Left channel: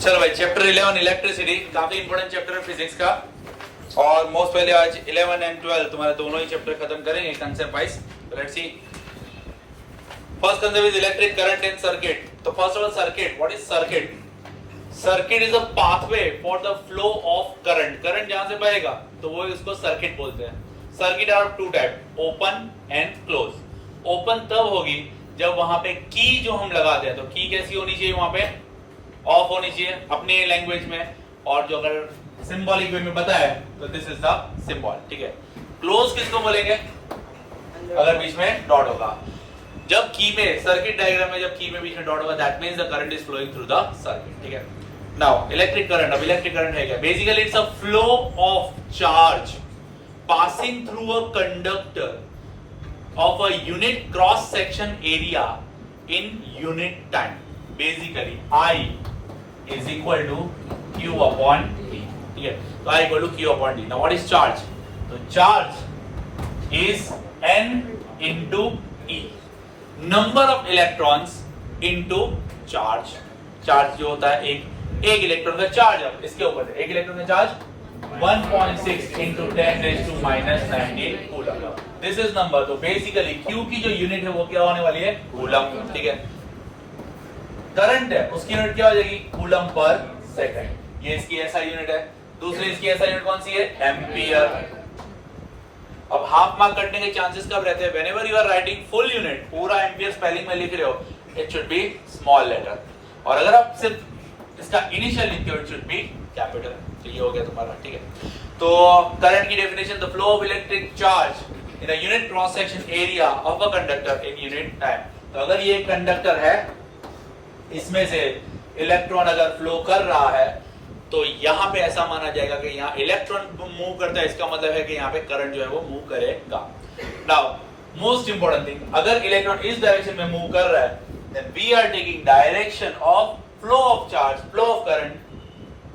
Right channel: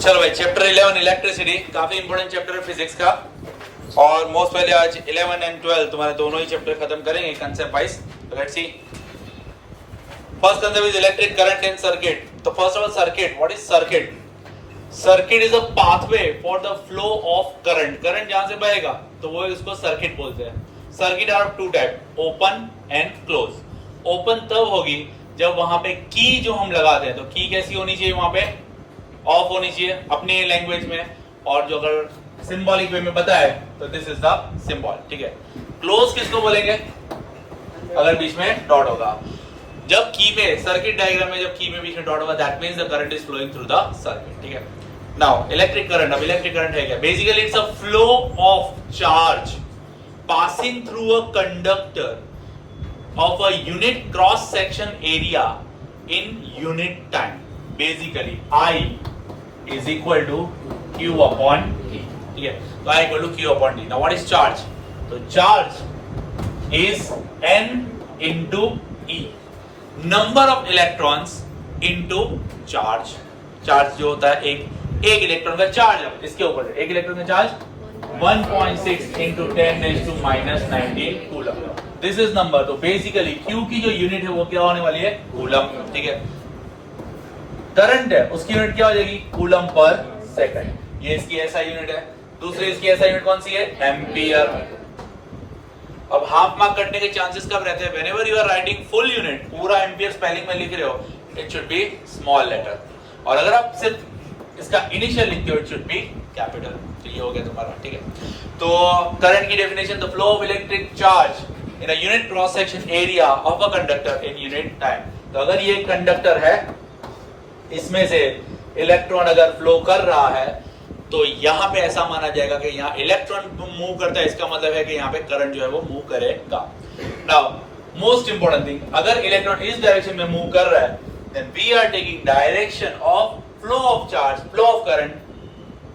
चलो भाई, chapter 11 electricity, काफी इंपॉर्टेंट चैप्टर है फिजिक्स का। और मोस्ट पहले आज 11 एंड 12 तुम्हारे दोनों ही चैप्टर खत्म करेंगे concept wise. Let's see, first concept is electric current in circuit. तो first of all circuit, what is circuit? Circuit is a pathway for the flow of current. Current जहां से बहेगा तो वो इसको सर्किट बोलते हैं। Circuit are of two type, open and close. Open तब होगी जब वहां पे की जो हम लगाते हैं, तो की कैसी होनी चाहिए? वहां पे ऑफ होनी चाहिए अपनी लैंग्वेज में, और जो अगर सिंबॉलिक वे में बताए तो दिस इज द सिंबल, ठीक है। क्लोज किसको बोलेंगे? अगर बीच में डॉट होगा। जब की में, सर्किट डायग्राम में जब की में बीच में डॉट होगा, that means the current is flowing through the circuit, ठीक है। नाउ इलेक्ट्रिक करंट, अब इलेक्ट्रिक करंट है क्या? Basically it's a flow of charge passing through a conductor of a unit cross section area in unit time. Basically I is equal to Q upon T, ठीक है। तो I equal to Q upon T. Now what is charge? तो charge is N into E, number of electrons into charge. Charge जो होता है एक electron का charge, अब इसके ऊपर एक इलेक्ट्रॉन का charge 1.6 into 10 raised to minus 19 coulomb. This is number. तो बेसिकली Q की जो यूनिट है वो क्या होने वाली है? कूलम, ठीक है। करंट है उसकी यूनिट क्या हो जाएगी? Coulomb per second. ये इसकी ऐसा यूनिट है। दूसरी इसकी ऐसा यूनिट कौन सी है? एम्पियर। अब हाफ मार्क कटने के चांसेस कब रहते हैं? Whenever you are writing full unit, पूरा एम्पियर स्पेलिंग में लिख रहे हो, it should be small letter. और अगर आप सिर्फ इसका इनिशियल लिखते हो, इट शुड बी कैपिटल। तो ये हो गया तुम्हारा, ठीक है। तो करंट की definition, the flow of electric charge in a unit cross section area of a conductor in unit time. तो अगर ये कंडक्टर है, इसमें से इलेक्ट्रॉन अगर फ्लो कर रहा है, तो यहां पे ऐसा माना जाएगा कि यहां इलेक्ट्रॉन मूव करता है, इसका मतलब है कि यहां पे करंट जो है वो मूव करेगा। नाउ मोस्ट इंपोर्टेंट थिंग, अगर इलेक्ट्रॉन इस डायरेक्शन में मूव कर रहा है, then we are taking direction of flow of charge, flow of current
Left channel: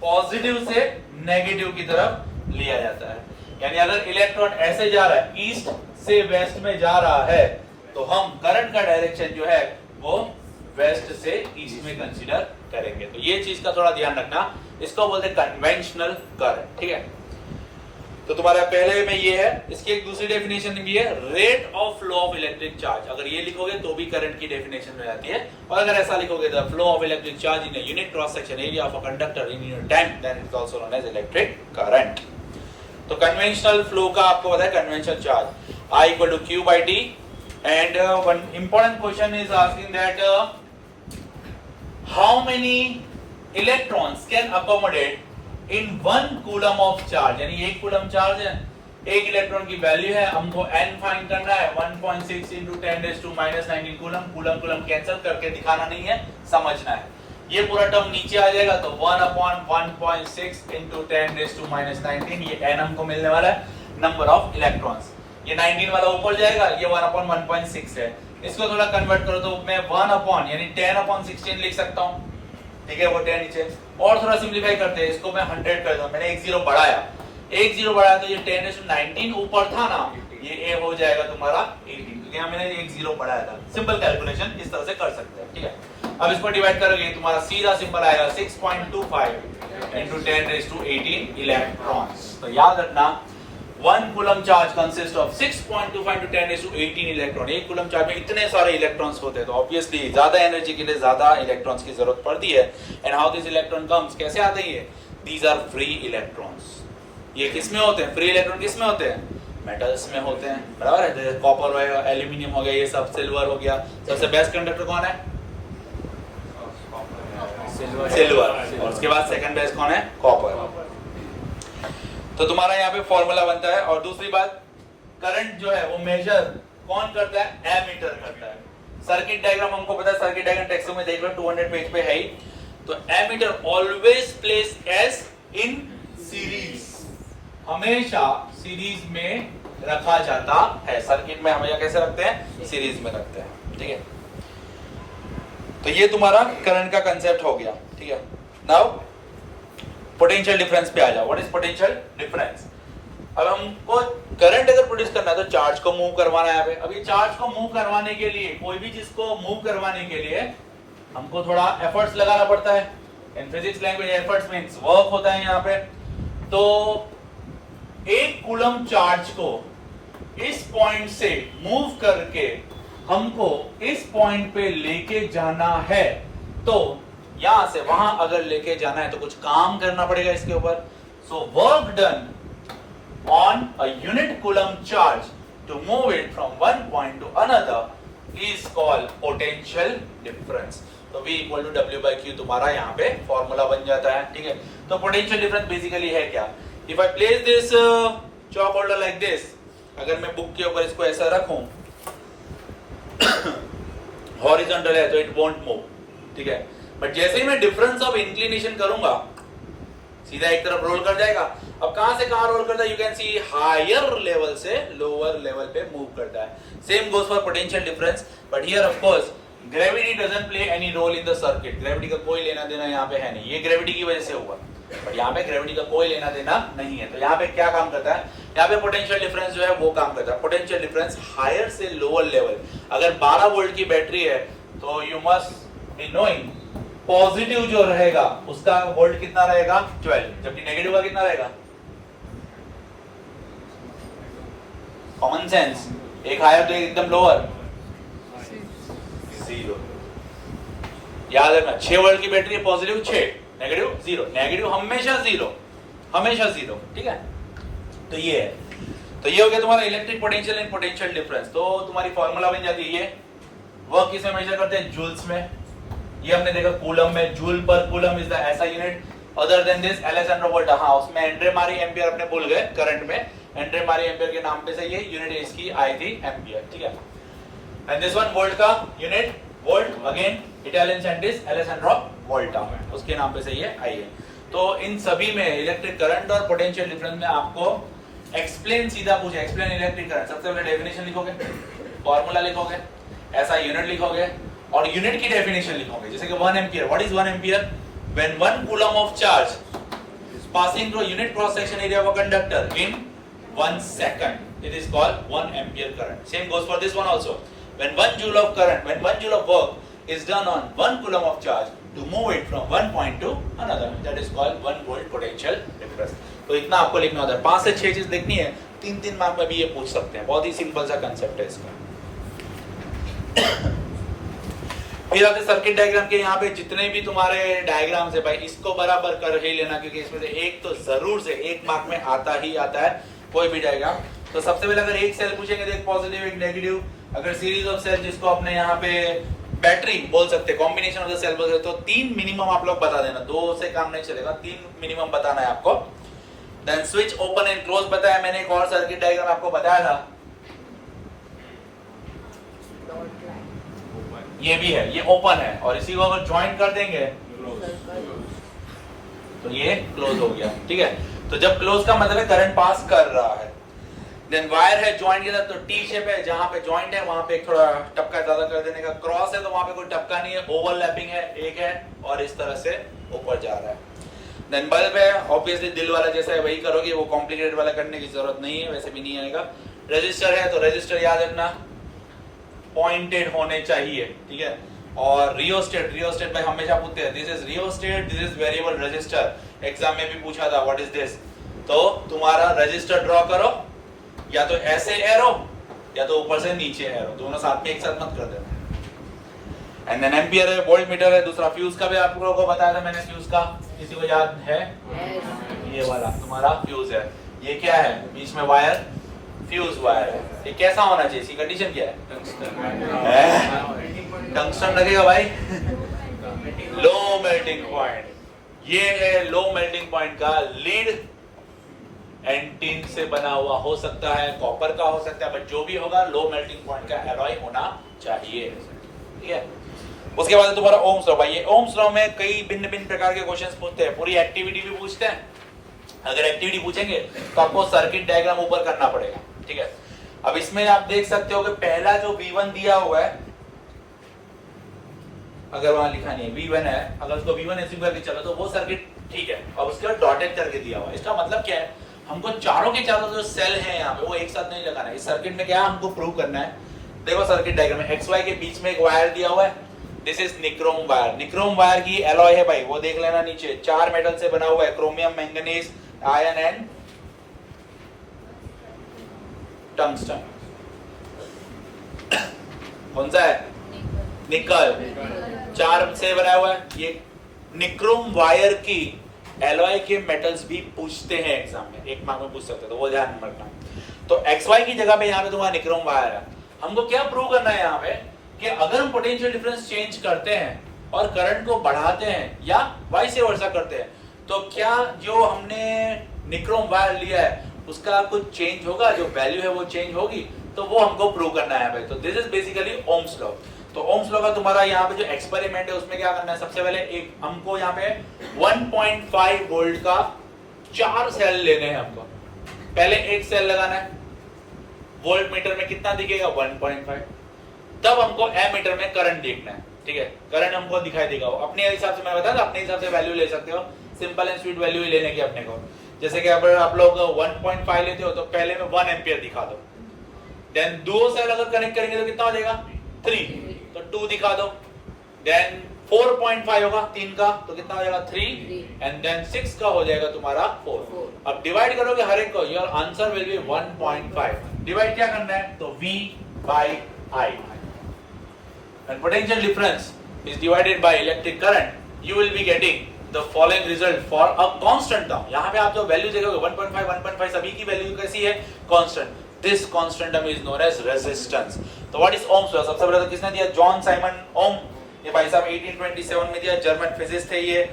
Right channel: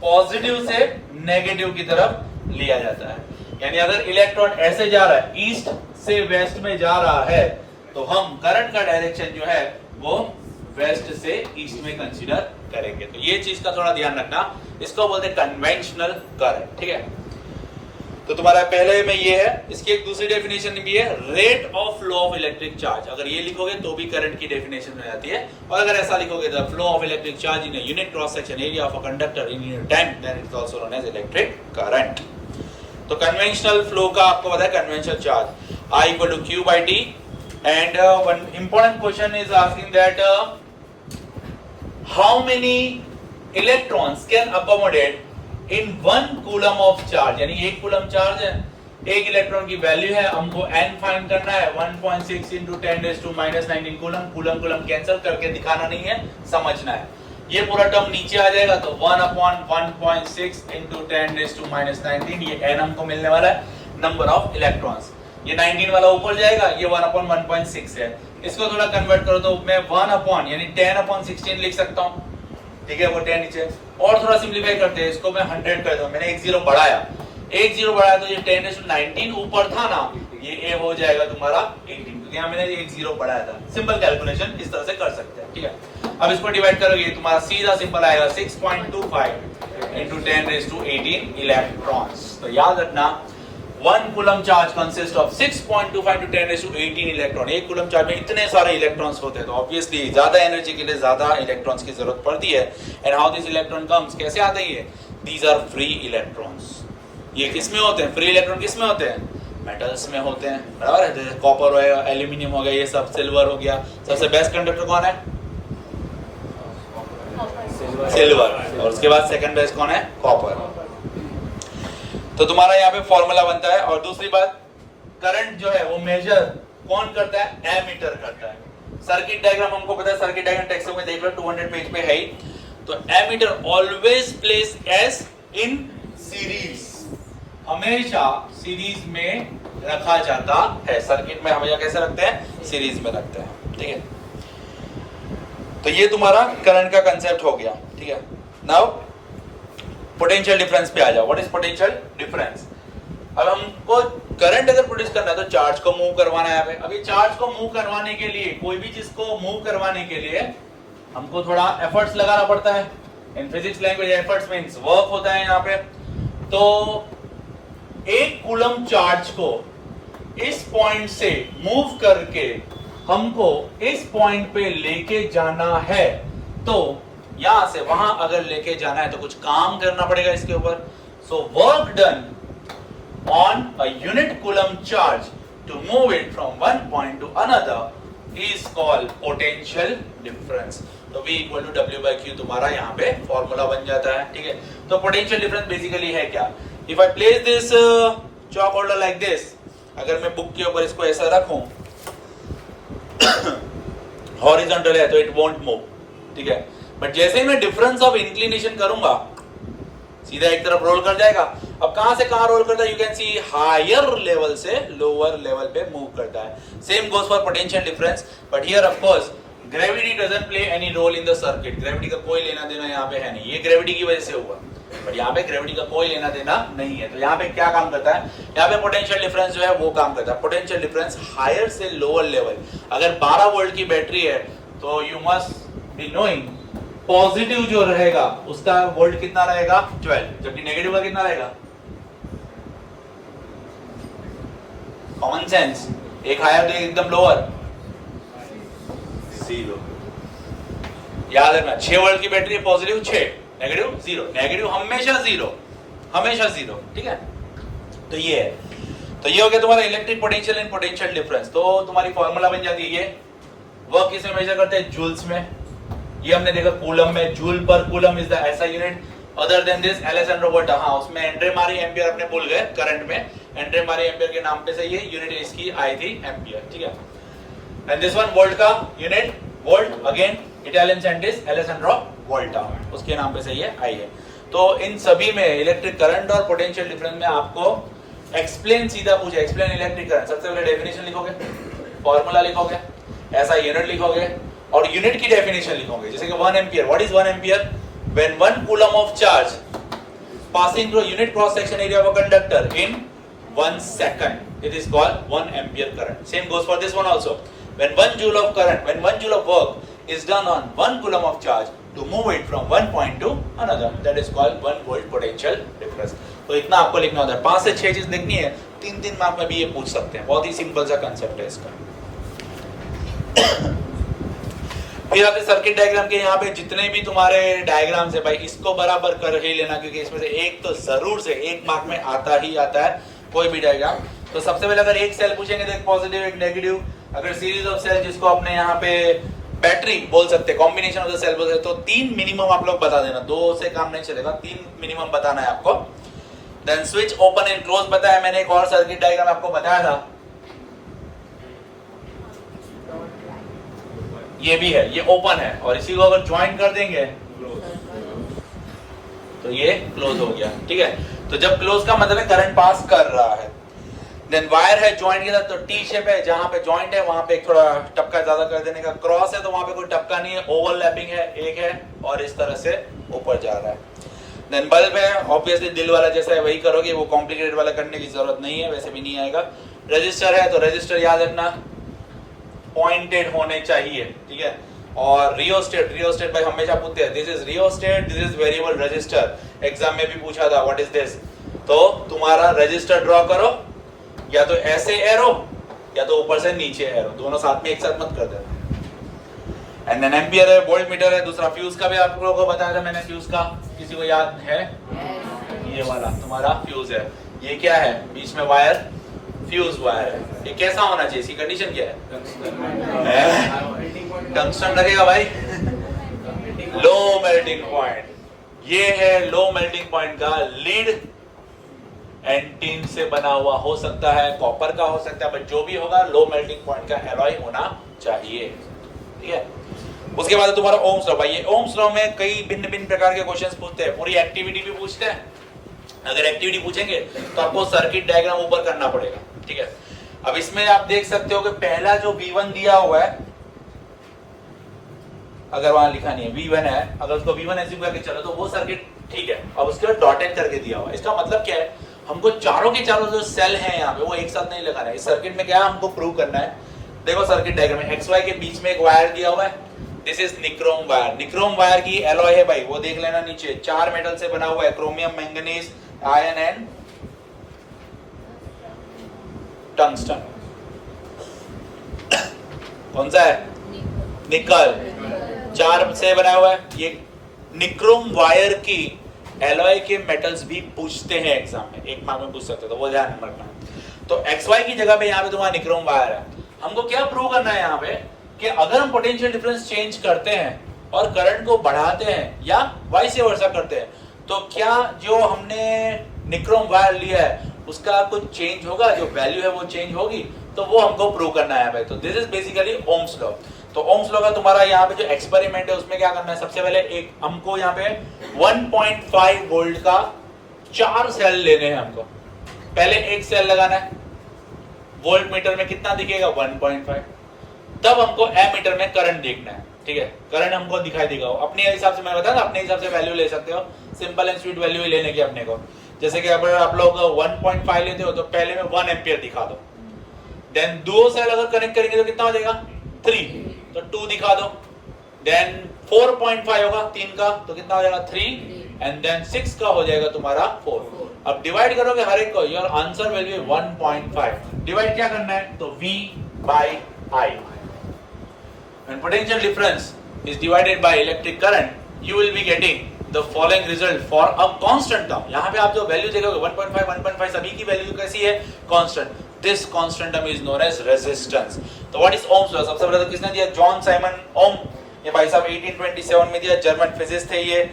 positive से नेगेटिव की तरफ लिया जाता है। यानी अगर इलेक्ट्रॉन ऐसे जा रहा है, ईस्ट से वेस्ट में जा रहा है, तो हम करंट का डायरेक्शन जो है वो वेस्ट से ईस्ट में कंसीडर करेंगे। तो ये चीज का थोड़ा ध्यान रखना, इसको बोलते हैं कन्वेंशनल करंट, ठीक है। तो तुम्हारा पहले में ये है, इसकी एक दूसरी डेफिनेशन भी है, rate of flow of electric charge. अगर ये लिखोगे तो भी करंट की डेफिनेशन हो जाती है, और अगर ऐसा लिखोगे the flow of electric charge in a unit cross section area of a conductor in unit time, then it is also known as electric current. तो कन्वेंशनल फ्लो का आपको पता है, conventional charge I equal to Q by T, and one important question is asking that how many electrons can accommodate in 1 coulomb of charge। यानी 1 coulomb charge है, 1 electron की value है, हमको n फाइंड करना है। 1.6 into 10 raised to minus 19 coulomb. Coulomb cancel करके दिखाना नहीं है, समझना है। ये पूरा टर्म नीचे आ जाएगा, तो 1 upon 1.6 into 10 raised to minus 19, ये n हमको मिलने वाला है, नंबर ऑफ इलेक्ट्रॉन्स। ये 19 वाला ऊपर जाएगा, ये 1 upon 1.6 है। इसको थोड़ा कन्वर्ट करो तो मैं 1 upon यानी 10 upon 16 लिख सकता हूँ, ठीक है। वो 10 नीचे, और थोड़ा सिंप्लीफाई करते हैं, इसको मैं 100 कर दूं। मैंने एक जीरो बढ़ाया, तो ये 10 raised to 19 ऊपर था ना, ये ए हो जाएगा तुम्हारा 18, क्योंकि यहाँ मैंने एक जीरो बढ़ाया था। सिंपल कैलकुलेशन इस तरह से कर सकते हैं, ठीक है। अब इसको डिवाइड करोगे, तुम्हारा सीधा सिंपल आएगा 6.25 into 10 raised to 18 इलेक्ट्रॉन्स। तो याद रखना, 1 coulomb charge consist of 6.25 to 10 raised to 18 electron. 1 coulomb charge में इतने सारे इलेक्ट्रॉन्स होते हैं, तो ऑब्वियसली ज्यादा एनर्जी के लिए ज्यादा इलेक्ट्रॉन्स की जरूरत पड़ती है। And how this electron comes, कैसे आते हैं ये? These are free electrons. ये किस में होते हैं? फ्री इलेक्ट्रॉन किस में होते हैं? मेटल्स में होते हैं, बराबर है। जैसे कॉपर हो गया, एल्यूमिनियम हो गया, ये सब, सिल्वर हो गया। सबसे बेस्ट कंडक्टर कौन है? सिल्वर। और उसके बाद सेकंड बेस्ट कौन है? कॉपर। तो तुम्हारा यहाँ पे फॉर्मूला बनता है। और दूसरी बात, करंट जो है वो मेजर कौन करता है? एमीटर करता है। सर्किट डायग्राम हमको पता है, सर्किट डायग्राम टेक्स्ट में देख लो, 200 पेज पे है ही। तो ammeter always places in series, हमेशा सीरीज में रखा जाता है। सर्किट में हमेशा कैसे रखते हैं? सीरीज में रखते हैं, ठीक है। तो ये तुम्हारा करंट का कंसेप्ट हो गया, ठीक है। नाउ पोटेंशियल डिफरेंस पे आ जाओ। What is potential difference? अब हमको करंट अगर प्रोड्यूस करना है तो चार्ज को मूव करवाना है। यहाँ पे अभी चार्ज को मूव करवाने के लिए, कोई भी चीज को मूव करवाने के लिए हमको थोड़ा एफर्ट्स लगाना पड़ता है, in physics language efforts means work होता है यहाँ पे। तो एक कूलम चार्ज को इस पॉइंट से मूव करके हमको इस पॉइंट पे लेके जाना है, तो यहां से वहां अगर लेके जाना है तो कुछ काम करना पड़ेगा इसके ऊपर। So work done on a unit coulomb charge to move it from one point to another is called potential difference. तो V equal to W by Q तुम्हारा यहाँ पे फॉर्मूला बन जाता है, ठीक है। तो पोटेंशियल डिफरेंस बेसिकली है क्या? If I place this chalk holder like this, अगर मैं बुक के ऊपर इसको ऐसा रखूं हॉरिजॉन्टल है तो इट वोंट मूव, ठीक है। बट जैसे ही मैं डिफरेंस ऑफ इंक्लिनेशन करूंगा सीधा एक तरफ रोल कर जाएगा। अब कहां से कहां रोल करता है? You can see higher level से लोअर लेवल पे मूव करता है। Same goes for potential difference, but here of course gravity doesn't play any role in the circuit. Gravity का कोई लेना देना यहाँ पे है नहीं, ये ग्रेविटी की वजह से हुआ, बट यहाँ पे ग्रेविटी का कोई लेना देना नहीं है। तो यहाँ पे क्या काम करता है? यहाँ पे पोटेंशियल डिफरेंस जो है वो काम करता है। पोटेंशियल डिफरेंस हायर से लोअर लेवल, अगर 12 वोल्ट की बैटरी है तो you must be knowing positive जो रहेगा उसका वोल्ट कितना रहेगा? 12, जबकि नेगेटिव का कितना रहेगा? कॉमन सेंस, एक हायर तो एकदम लोअर, 0। याद रखना 6 वोल्ट की बैटरी है, पॉजिटिव 6, नेगेटिव 0, नेगेटिव हमेशा 0, हमेशा 0, ठीक है। तो ये है, तो ये हो गया तुम्हारा electric potential and potential difference. तो तुम्हारी फॉर्मूला बन जाती है ये। वर्क किसमें मेजर करते हैं? जूल्स में। ये हमने देखा कूलम में, जूल पर कूलम इज द ऐसा unit. Other than this Alessandro वोल्टा, हाँ उसमें एंड्रे मारी एम्पियर अपने भूल गए, करंट में एंड्रे मारी एम्पियर के नाम पे से ये यूनिट इसकी आई थी एम्पियर, ठीक है। एंड दिस वन वोल्ट का unit volt, again Italian scientist Alessandro Volta, उसके नाम पे से ये आई है। तो इन सभी में इलेक्ट्रिक करंट और पोटेंशियल डिफरेंस में आपको एक्सप्लेन सीधा पूछे, एक्सप्लेन इलेक्ट्रिक करंट, सबसे पहले डेफिनेशन लिखोगे, फॉर्मूला लिखोगे, ऐसा यूनिट लिखोगे और यूनिट की डेफिनेशन लिखोगे। जैसे कि 1 ampere, what is 1 ampere? When 1 coulomb of charge passing through unit cross section area of a conductor in 1 second, it is called 1 ampere current. Same goes for this one also. When 1 joule of current, when 1 joule of work is done on 1 coulomb of charge to move it from one point to another, that is called 1 volt potential difference. तो इतना आपको लिखना होता है। 5 से 6 चीज लिखनी है, 3 मार्क में भी ये पूछ सकते हैं। बहुत ही सिंपल सा कंसेप्ट है इसका। फिर आपके सर्किट डायग्राम के यहाँ पे जितने भी तुम्हारे डायग्राम्स है भाई, इसको बराबर कर ही लेना, क्योंकि इसमें से एक तो जरूर से 1 मार्क में आता ही आता है कोई भी डायग्राम। तो सबसे पहले अगर एक सेल पूछेंगे तो एक पॉजिटिव एक नेगेटिव, अगर सीरीज ऑफ सेल जिसको अपने यहाँ पे बैटरी बोल सकते, कॉम्बिनेशन ऑफ द सेल बोल सकते, तो 3 मिनिमम आप लोग बता देना, 2 से काम नहीं चलेगा, 3 मिनिमम बताना है आपको। Then switch open and close बताया मैंने, एक और सर्किट डायग्राम आपको बताया था, ये भी है, ये ओपन है और इसी को अगर ज्वाइन कर देंगे तो ये क्लोज हो गया, ठीक है। तो जब क्लोज का मतलब है करंट पास कर रहा है। देन वायर है ज्वाइंट के साथ, तो टी शेप है, जहां पे ज्वाइंट है वहां पे एक थोड़ा टपका ज्यादा कर देने का। क्रॉस है तो वहां पे कोई टपका नहीं है, ओवरलैपिंग है, एक है और इस तरह से ऊपर जा रहा है। देन बल्ब है, ऑब्वियसली दिल वाला जैसा है वही करोगे, वो कॉम्प्लिकेटेड वाला करने की जरूरत नहीं है, वैसे भी नहीं आएगा। रजिस्टर है तो रजिस्टर याद रखना पॉइंटेड होने चाहिए, ठीक है। और रियोस्टेट भाई हमेशा पूछते हैं, this is rheostat, this is variable resistor, exam में भी पूछा था व्हाट इज दिस। तो तुम्हारा रजिस्टर ड्रॉ करो, या तो ऐसे एरो या तो ऊपर से नीचे एरो, दोनों साथ में एक साथ मत कर देना। एंड देन एम्पियर है, वोल्ट मीटर है, दूसरा फ्यूज का भी आप लोगों को बताया था मैंने, फ्यूज का किसी को याद है? ये वाला तुम्हारा फ्यूज है, ये क्या है? बीच में वायर, फ्यूज वायर है। ये कैसा होना चाहिए? इसकी कंडीशन क्या है? टंगस्टन रखेगा भाई, लो मेल्टिंग पॉइंट, ये है लो मेल्टिंग पॉइंट का लीड एंड टिन से बना हुआ हो सकता है, कॉपर का हो सकता है, बट जो भी होगा लो मेल्टिंग पॉइंट का एलॉय होना चाहिए, ठीक है। उसके बाद तुम्हारा ओम्स लॉ, भाई ये ओम्स लॉ में कई भिन्न भिन्न प्रकार के क्वेश्चंस पूछते हैं, पूरी एक्टिविटी भी पूछते हैं। अगर एक्टिविटी पूछेंगे तो आपको सर्किट डायग्राम ऊपर करना पड़ेगा, ठीक है। अब इसमें आप देख सकते हो कि पहला जो V1 दिया हुआ है, अगर वहां लिखा नहीं है V1 है, अगर उसको V1 एज्यूम करके चलो तो वो सर्किट ठीक है, और उसके बाद डॉटेड करके दिया हुआ है। इसका मतलब क्या है? हमको चारों के चारों जो सेल हैं यहाँ पे वो एक साथ नहीं लगाना है। इस सर्किट में क्या हमको प्रूव करना है? देखो सर्किट डायग्राम में XY के बीच में एक वायर दिया हुआ है, this is nichrome wire. Nichrome wire की एलॉय है भाई, वो देख लेना नीचे, 4 मेटल से बना हुआ है, chromium, manganese, iron and tungsten. कौन सा है? निकल। 4 से बना हुआ है। ये निक्रोम वायर की एलॉय के मेटल्स भी पूछते हैं एग्जाम में, एक मार्क में पूछ सकते, तो वो ध्यान में रखना। तो XY की जगह पे यहाँ पे तुम्हारा निक्रोम वायर है। हमको क्या प्रूव करना है यहाँ पे कि अगर हम पोटेंशियल डिफरेंस चेंज करते हैं और करंट को बढ़ाते हैं या वाइस वर्सा करते हैं, तो क्या जो हमने निक्रोम वायर लिया है उसका कुछ चेंज होगा, जो वैल्यू है वो चेंज होगी, तो वो हमको प्रूव करना है भाई। तो this is basically Ohm's law. तो ओम्स लॉ का तुम्हारा यहाँ पे जो एक्सपेरिमेंट है उसमें क्या करना है, सबसे पहले एक हमको यहाँ पे 1.5 वोल्ट का 4 सेल लेने हैं हमको। पहले एक सेल लगाना है, वोल्ट मीटर में कितना दिखेगा 1.5। तब हमको एमीटर में करंट देखना है, ठीक है, करंट हमको दिखाई देगा। अपने हिसाब से मैंने बताया ना, अपने हिसाब से वैल्यू ले सकते हो, सिंपल एंड स्वीट वैल्यू ही लेने की अपने को। जैसे कि अगर आप लोग 1.5 लेते हो तो पहले में 1 एम्पियर दिखा दो, देन 2 सेल अगर कनेक्ट करेंगे तो कितना हो जाएगा 3, तो 2 दिखा दो, देन 4.5 होगा 3 का, तो कितना हो जाएगा 3, एंड देन 6 का हो जाएगा तुम्हारा 4। अब डिवाइड करोगे हर एक को, your answer will B 1.5। Divide क्या करना है, तो V by I। When potential difference is divided by electric current, you will be getting the following result for a constant term। यहाँ पे आप जो वैल्यू देखोगे 1.5, 1.5 सभी की वैल्यू कैसी है, constant. This constant term is known as resistance। तो what is Ohm's law? सबसे पहले तो किसने दिया, जॉन साइमन ओम। ये भाई साहब 1827 में दिया, जर्मन फिजिसिस्ट थे ये।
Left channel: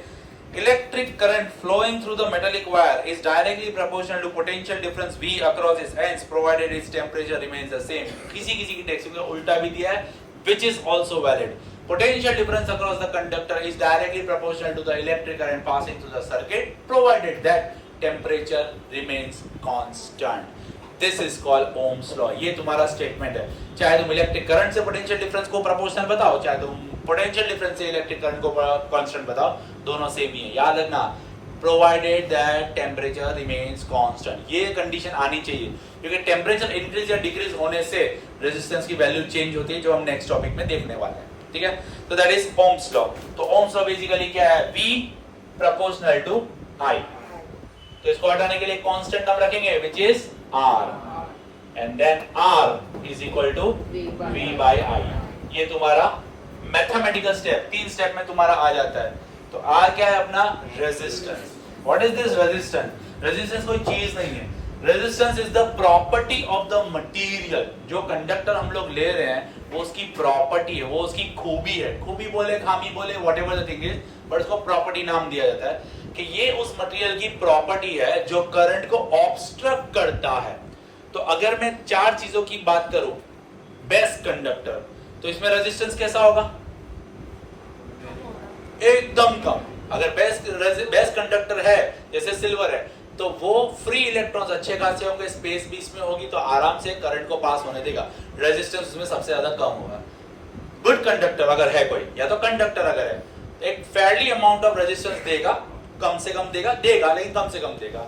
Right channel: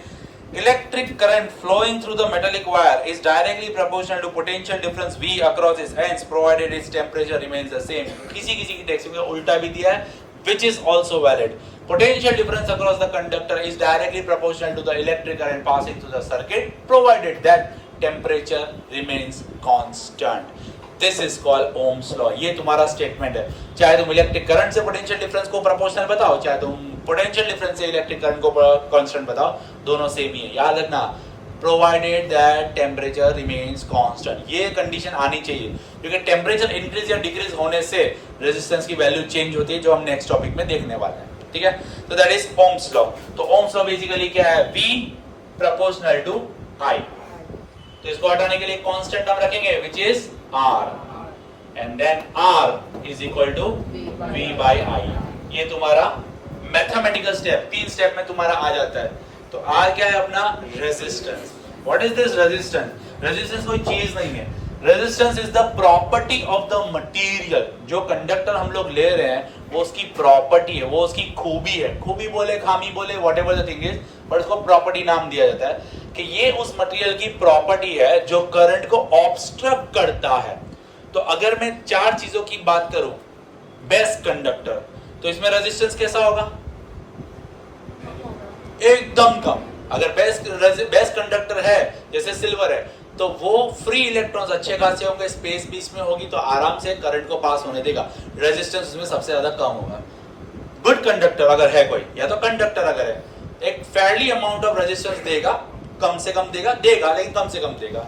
Electric current flowing through the metallic wire is directly proportional to potential difference V across its ends, provided its temperature remains the same। किसी की टेक्स्ट में उल्टा भी दिया है, which is also valid। Potential difference across the conductor is directly proportional to the electric current passing through the circuit, provided that temperature remains constant। This is called Ohm's law। ये तुम्हारा statement है। चाहे तुम electric current से potential difference को proportional बताओ, चाहे तुम पोटेंशियल डिफरेंस से इलेक्ट्रिक करंट को कांस्टेंट बताओ, दोनों सेम ही है। याद रखना, provided that temperature remains constant, ये कंडीशन आनी चाहिए, क्योंकि टेम्परेचर इंक्रीज या डिक्रीज होने से रेजिस्टेंस की वैल्यू चेंज होती है, जो हम नेक्स्ट टॉपिक में देखने वाले हैं, ठीक है। तो दैट इज ओम्स लॉ। तो ओम्स लॉ बेसिकली क्या है, V प्रोपोर्शनल टू I। तो इसको हटाने के लिए कांस्टेंट टर्म रखेंगे which is R, and then R is equal to V by I। ये तुम्हारा मैथमेटिकल स्टेप, 3 स्टेप में तुम्हारा आ जाता है। तो R क्या है अपना, resistance. What is this resistance? Resistance कोई चीज नहीं है, resistance is the property of the material. जो कंडक्टर हम लोग ले रहे हैं वो उसकी प्रॉपर्टी है, वो उसकी खूबी है, खूबी बोले, खामी बोले, whatever the thing is, but उसको प्रॉपर्टी नाम दिया जाता है कि ये उस मटेरियल की प्रॉपर्टी है जो करंट को ऑब्स्ट्रक्ट करता है। तो अगर मैं 4 चीजों की बात करूं, बेस्ट कंडक्टर, तो इसमें रेजिस्टेंस कैसा होगा, एकदम कम। अगर बेस्ट कंडक्टर है जैसे सिल्वर है, तो वो फ्री इलेक्ट्रॉन्स अच्छे खासे होंगे, स्पेस भी इसमें होगी, तो आराम से करंट को पास होने देगा, रेजिस्टेंस उसमें सबसे ज्यादा कम होगा। गुड कंडक्टर अगर है कोई, या तो कंडक्टर अगर है, एक फेयरली अमाउंट ऑफ रेजिस्टेंस देगा, कम से कम देगा, लेकिन कम से कम देगा।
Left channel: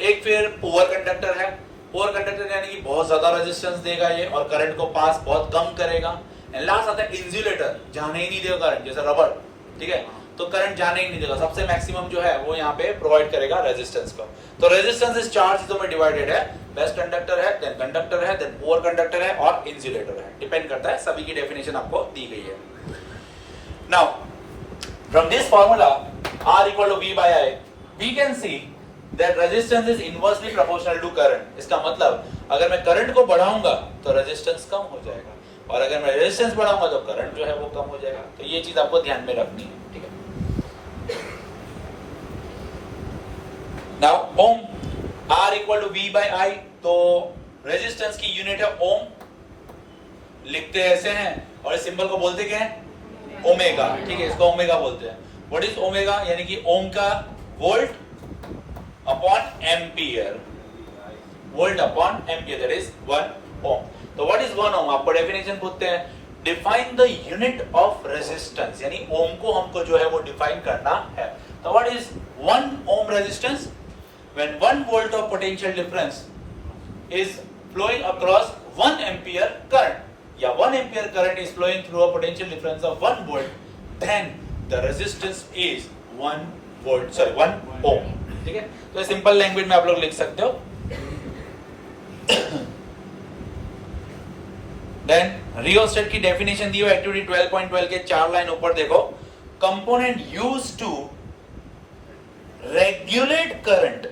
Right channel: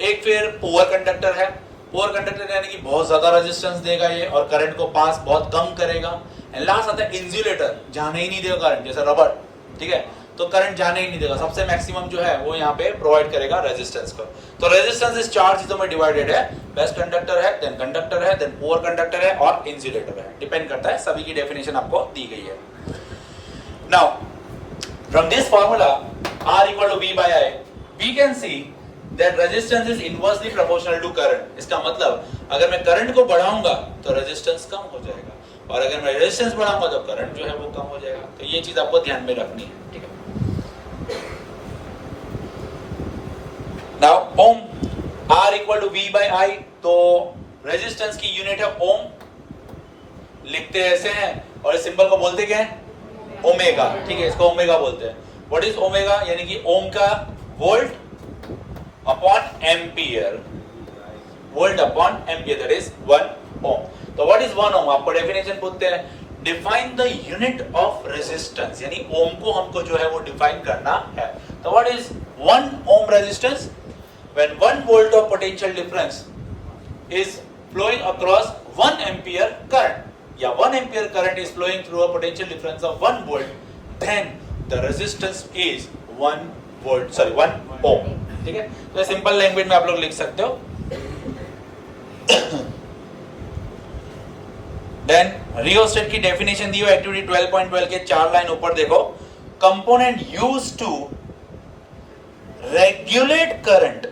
एक फिर पुअर कंडक्टर है, पुअर कंडक्टर यानी कि बहुत ज्यादा रेजिस्टेंस देगा ये, और करंट को पास बहुत कम करेगा। एंड लास्ट आता है इंसुलेटर, जाने ही नहीं देगा करंट, जैसे रबर, ठीक है, तो करंट जाने ही नहीं देगा, सबसे मैक्सिमम जो है वो यहाँ पे प्रोवाइड करेगा रेजिस्टेंस को। तो रेजिस्टेंस इस 4 चीजों में डिवाइडेड है, बेस्ट कंडक्टर है, देन कंडक्टर है, देन पुअर कंडक्टर है, और इंसुलेटर है, डिपेंड करता है, सभी की डेफिनेशन आपको दी गई है। Now from this formula R equal to V by I, we can see that resistance is inversely proportional to current। इसका मतलब अगर मैं करंट को बढ़ाऊंगा तो रेजिस्टेंस कम हो जाएगा, और अगर मैं रेजिस्टेंस बढ़ाऊंगा तो करंट जो है वो कम हो जाएगा। तो ये चीज आपको ध्यान में रखनी है, ठीक है। Now ohm, R equal to V by I, तो रेजिस्टेंस की यूनिट है ओम, लिखते ऐसे हैं, और इस सिंबल को बोलते क्या है, ओमेगा, ठीक है, इसको ओमेगा बोलते हैं। व्हाट इज ओमेगा, यानी कि ओम का volt upon ampere, volt upon ampere, that is 1 ओम। तो व्हाट इज 1 ओम, आपको डेफिनेशन पूछते हैं, define the unit of resistance, यानी ओम को हमको जो है वो डिफाइन करना है। तो what is 1 ohm resistance, when 1 volt of potential difference is flowing across 1 ampere current, या 1 ampere current is flowing through a potential difference of 1 volt, then the resistance is 1 volt, sorry 1 ohm. ठीक है, तो simple language में आप लोग लिख सकते हो। देन रियोस्टेट की डेफिनेशन दी हो एक्टिविटी 12.12 के 4 लाइन ऊपर देखो। Component used to regulate current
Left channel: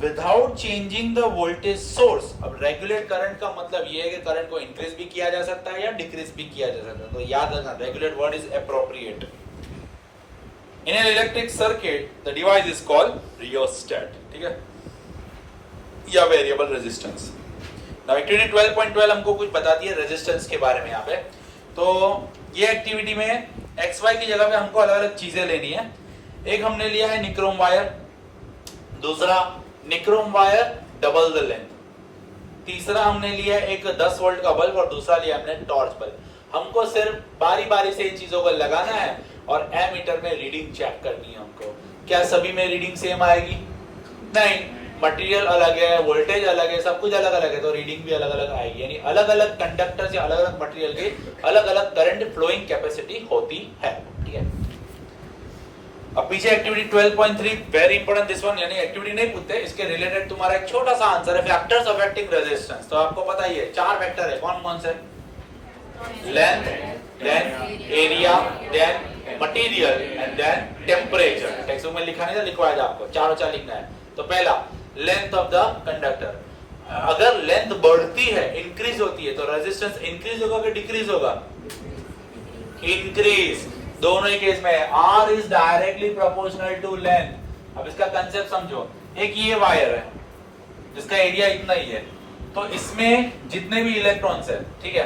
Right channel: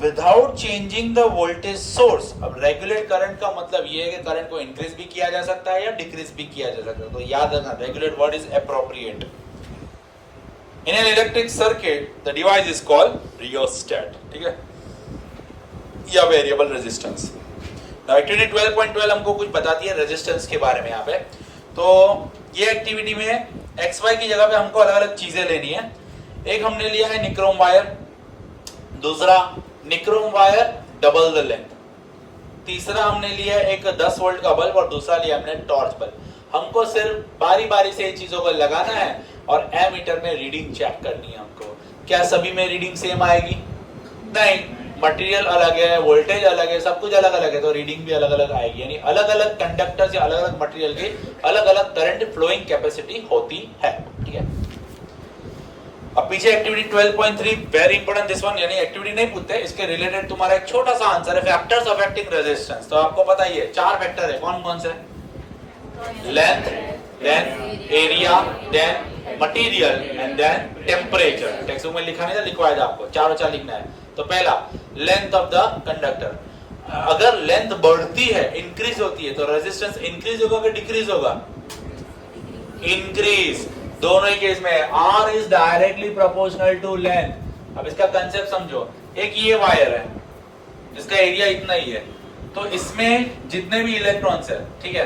without changing the voltage source. अब रेगुलेट करंट का मतलब ये है कि करंट को इंक्रीज भी किया जा सकता है या डिक्रीज भी किया जा सकता है, तो याद रखना regulate word is appropriate. In an electric circuit the device is called rheostat, ठीक है, या वेरिएबल रेजिस्टेंस। नाउ एक्टिविटी 12.12 हमको कुछ बताती है रेजिस्टेंस के बारे में यहाँ पे। तो ये एक्टिविटी में XY की जगह पे हमको अलग अलग चीजें लेनी है। एक हमने लिया है निक्रोम वायर, दूसरा nichrome wire double the length, तीसरा हमने लिया एक 10 वोल्ट का बल्ब और दूसरा लिया हमने टॉर्च बल्ब। हमको सिर्फ बारी बारी से इन चीजों को लगाना है और एमीटर में रीडिंग चेक करनी है हमको। क्या सभी में रीडिंग सेम आएगी? नहीं, मटेरियल अलग है, वोल्टेज अलग है, सब कुछ अलग अलग है, तो रीडिंग भी अलग अलग आएगी। यानी अलग अलग कंडक्टर या अलग अलग मटेरियल के अलग अलग करंट फ्लोइंग कैपेसिटी होती है। ठीक है, अब पीछे activity 12.3 very important this one, यानी एक्टिविटी नहीं पूछते, इसके रिलेटेड तुम्हारा एक छोटा सा आंसर है फैक्टर्स अफेक्टिंग रेजिस्टेंस। तो आपको पता ही है 4 फैक्टर है, कौन कौन से? Length, then area, then material and then temperature. Text book में लिखा नहीं था, लिखवाया था आपको, चारों 4 लिखना है। तो पहला लेंथ ऑफ द कंडक्टर, अगर लेंथ बढ़ती है, इंक्रीज होती है, तो रेजिस्टेंस इंक्रीज होगा कि डिक्रीज होगा? इंक्रीज। दोनों ही केस में R is directly proportional to length. अब इसका कंसेप्ट समझो, एक ये वायर है जिसका एरिया इतना ही है, तो इसमें जितने भी इलेक्ट्रॉन्स है, ठीक है,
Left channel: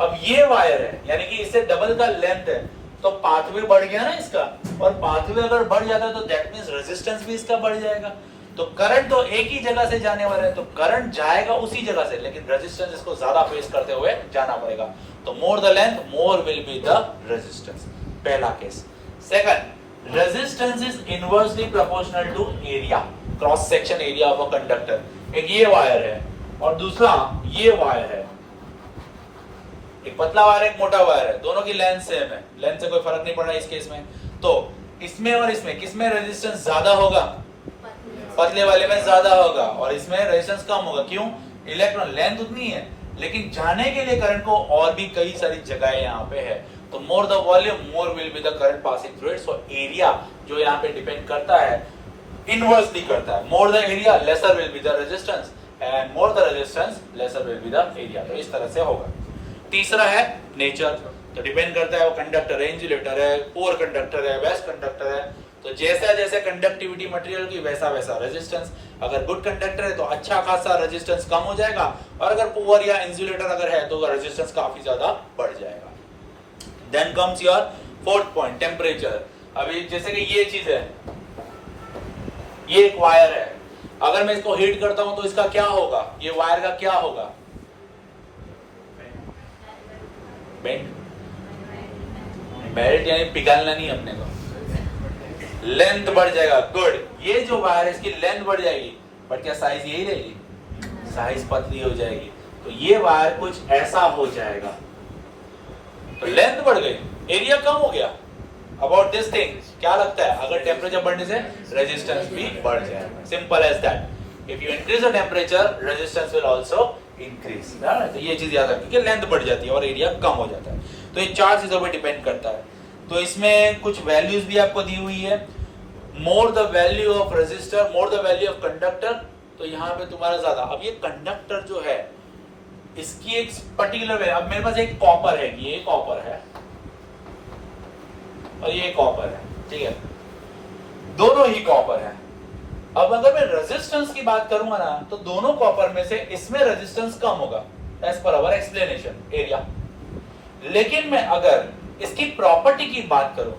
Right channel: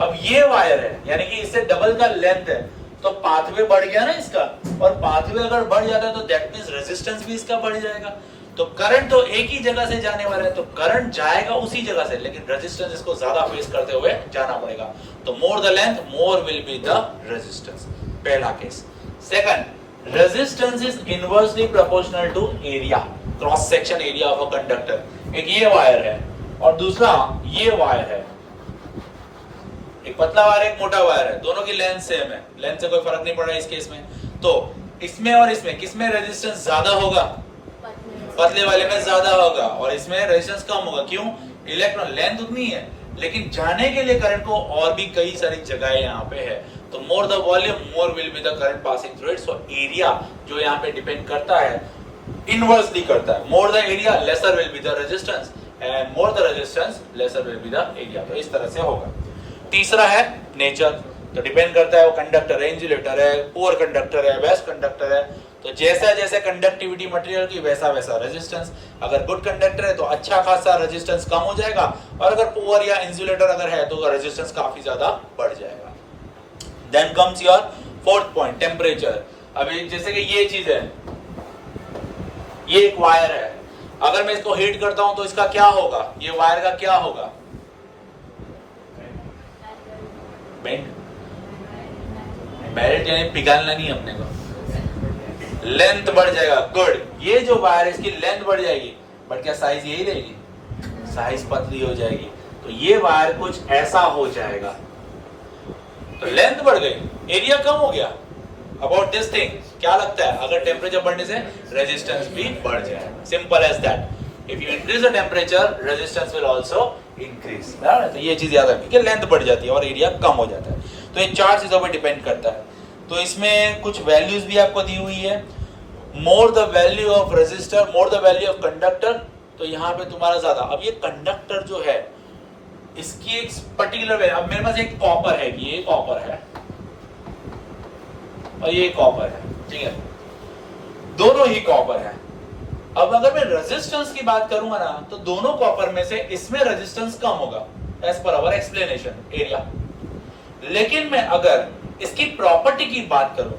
अब ये वायर है यानी कि इससे डबल का लेंथ है, तो पाथवे बढ़ गया ना इसका, और पाथवे अगर बढ़ जाता है तो दैट मींस रेजिस्टेंस भी इसका बढ़ जाएगा। तो करंट तो एक ही जगह से जाने वाला है, तो करंट जाएगा उसी जगह से, लेकिन रेजिस्टेंस इसको ज्यादा फेस करते हुए जाना पड़ेगा। तो more the length more will be the resistance, पहला केस। Second, resistance is inversely proportional to area, cross section area of a conductor. एक ये वायर है और दूसरा ये वायर है, एक पतला वायर एक मोटा वायर है, दोनों की लेंथ सेम है, लेंथ से कोई फर्क नहीं पड़ रहा है इस केस में। तो इसमें और इसमें किसमें रेजिस्टेंस ज्यादा होगा? पतले वाले में ज्यादा होगा, और इसमें रेजिस्टेंस कम होगा। क्यों? इलेक्ट्रॉन लेंथ उतनी है, लेकिन जाने के लिए करंट को और भी कई सारी जगह यहाँ पे है। तो more the volume more will be the current passing through it. So area जो यहाँ पे डिपेंड करता है, इनवर्सली करता है। More the area laser will be the resistance, and more the resistance laser will be the area. तो इस तरह से होगा। तीसरा है नेचर, तो डिपेंड करता है वो कंडक्टर है, इंसुलेटर है, पुअर कंडक्टर है, बेस्ट कंडक्टर है। तो जैसा जैसे कंडक्टिविटी मटेरियल की वैसा वैसा रेजिस्टेंस। अगर गुड कंडक्टर है तो अच्छा खासा रेजिस्टेंस कम हो जाएगा, और अगर पुअर या इंसुलेटर अगर है तो रेजिस्टेंस काफी ज्यादा बढ़ जाएगा। Then comes your fourth point, temperature. अभी जैसे कि ये चीज है, ये एक वायर है, अगर मैं इसको हीट करता हूं तो इसका क्या होगा? ये वायर का क्या होगा? बेंड, बेल्ट यानी पिघलना नहीं अपने को, लेंथ बढ़ जाएगा। गुड, ये जो वायर इसकी लेंथ बढ़ जाएगी, बट क्या साइज यही रहेगी? साइज पतली हो जाएगी। तो ये वायर कुछ ऐसा हो जाएगा, तो लेंथ बढ़ गई, एरिया कम हो गया। अबाउट दिस थिंग क्या लगता है? अगर टेम्परेचर बढ़ने से रेजिस्टेंस भी बढ़ जाएगा, simple as that. If you increase the temperature resistance will also increase. तो ये चीज याद रखिए कि लेंथ बढ़ जाती है और एरिया कम हो जाता है। तो ये 4 चीजों पर डिपेंड करता है। तो इसमें कुछ वैल्यूज भी आपको दी हुई है। More the value of resistor more the value of conductor, तो यहाँ पे तुम्हारा ज्यादा। अब ये कंडक्टर जो है इसकी एक पर्टिकुलर है। अब मेरे पास एक कॉपर है, ये कॉपर है और ये कॉपर है, ठीक है, दोनों ही कॉपर है। अब अगर मैं रेजिस्टेंस की बात करूंगा ना, तो दोनों कॉपर में से इसमें रेजिस्टेंस कम होगा as per hour explanation area. लेकिन मैं अगर इसकी प्रॉपर्टी की बात करूं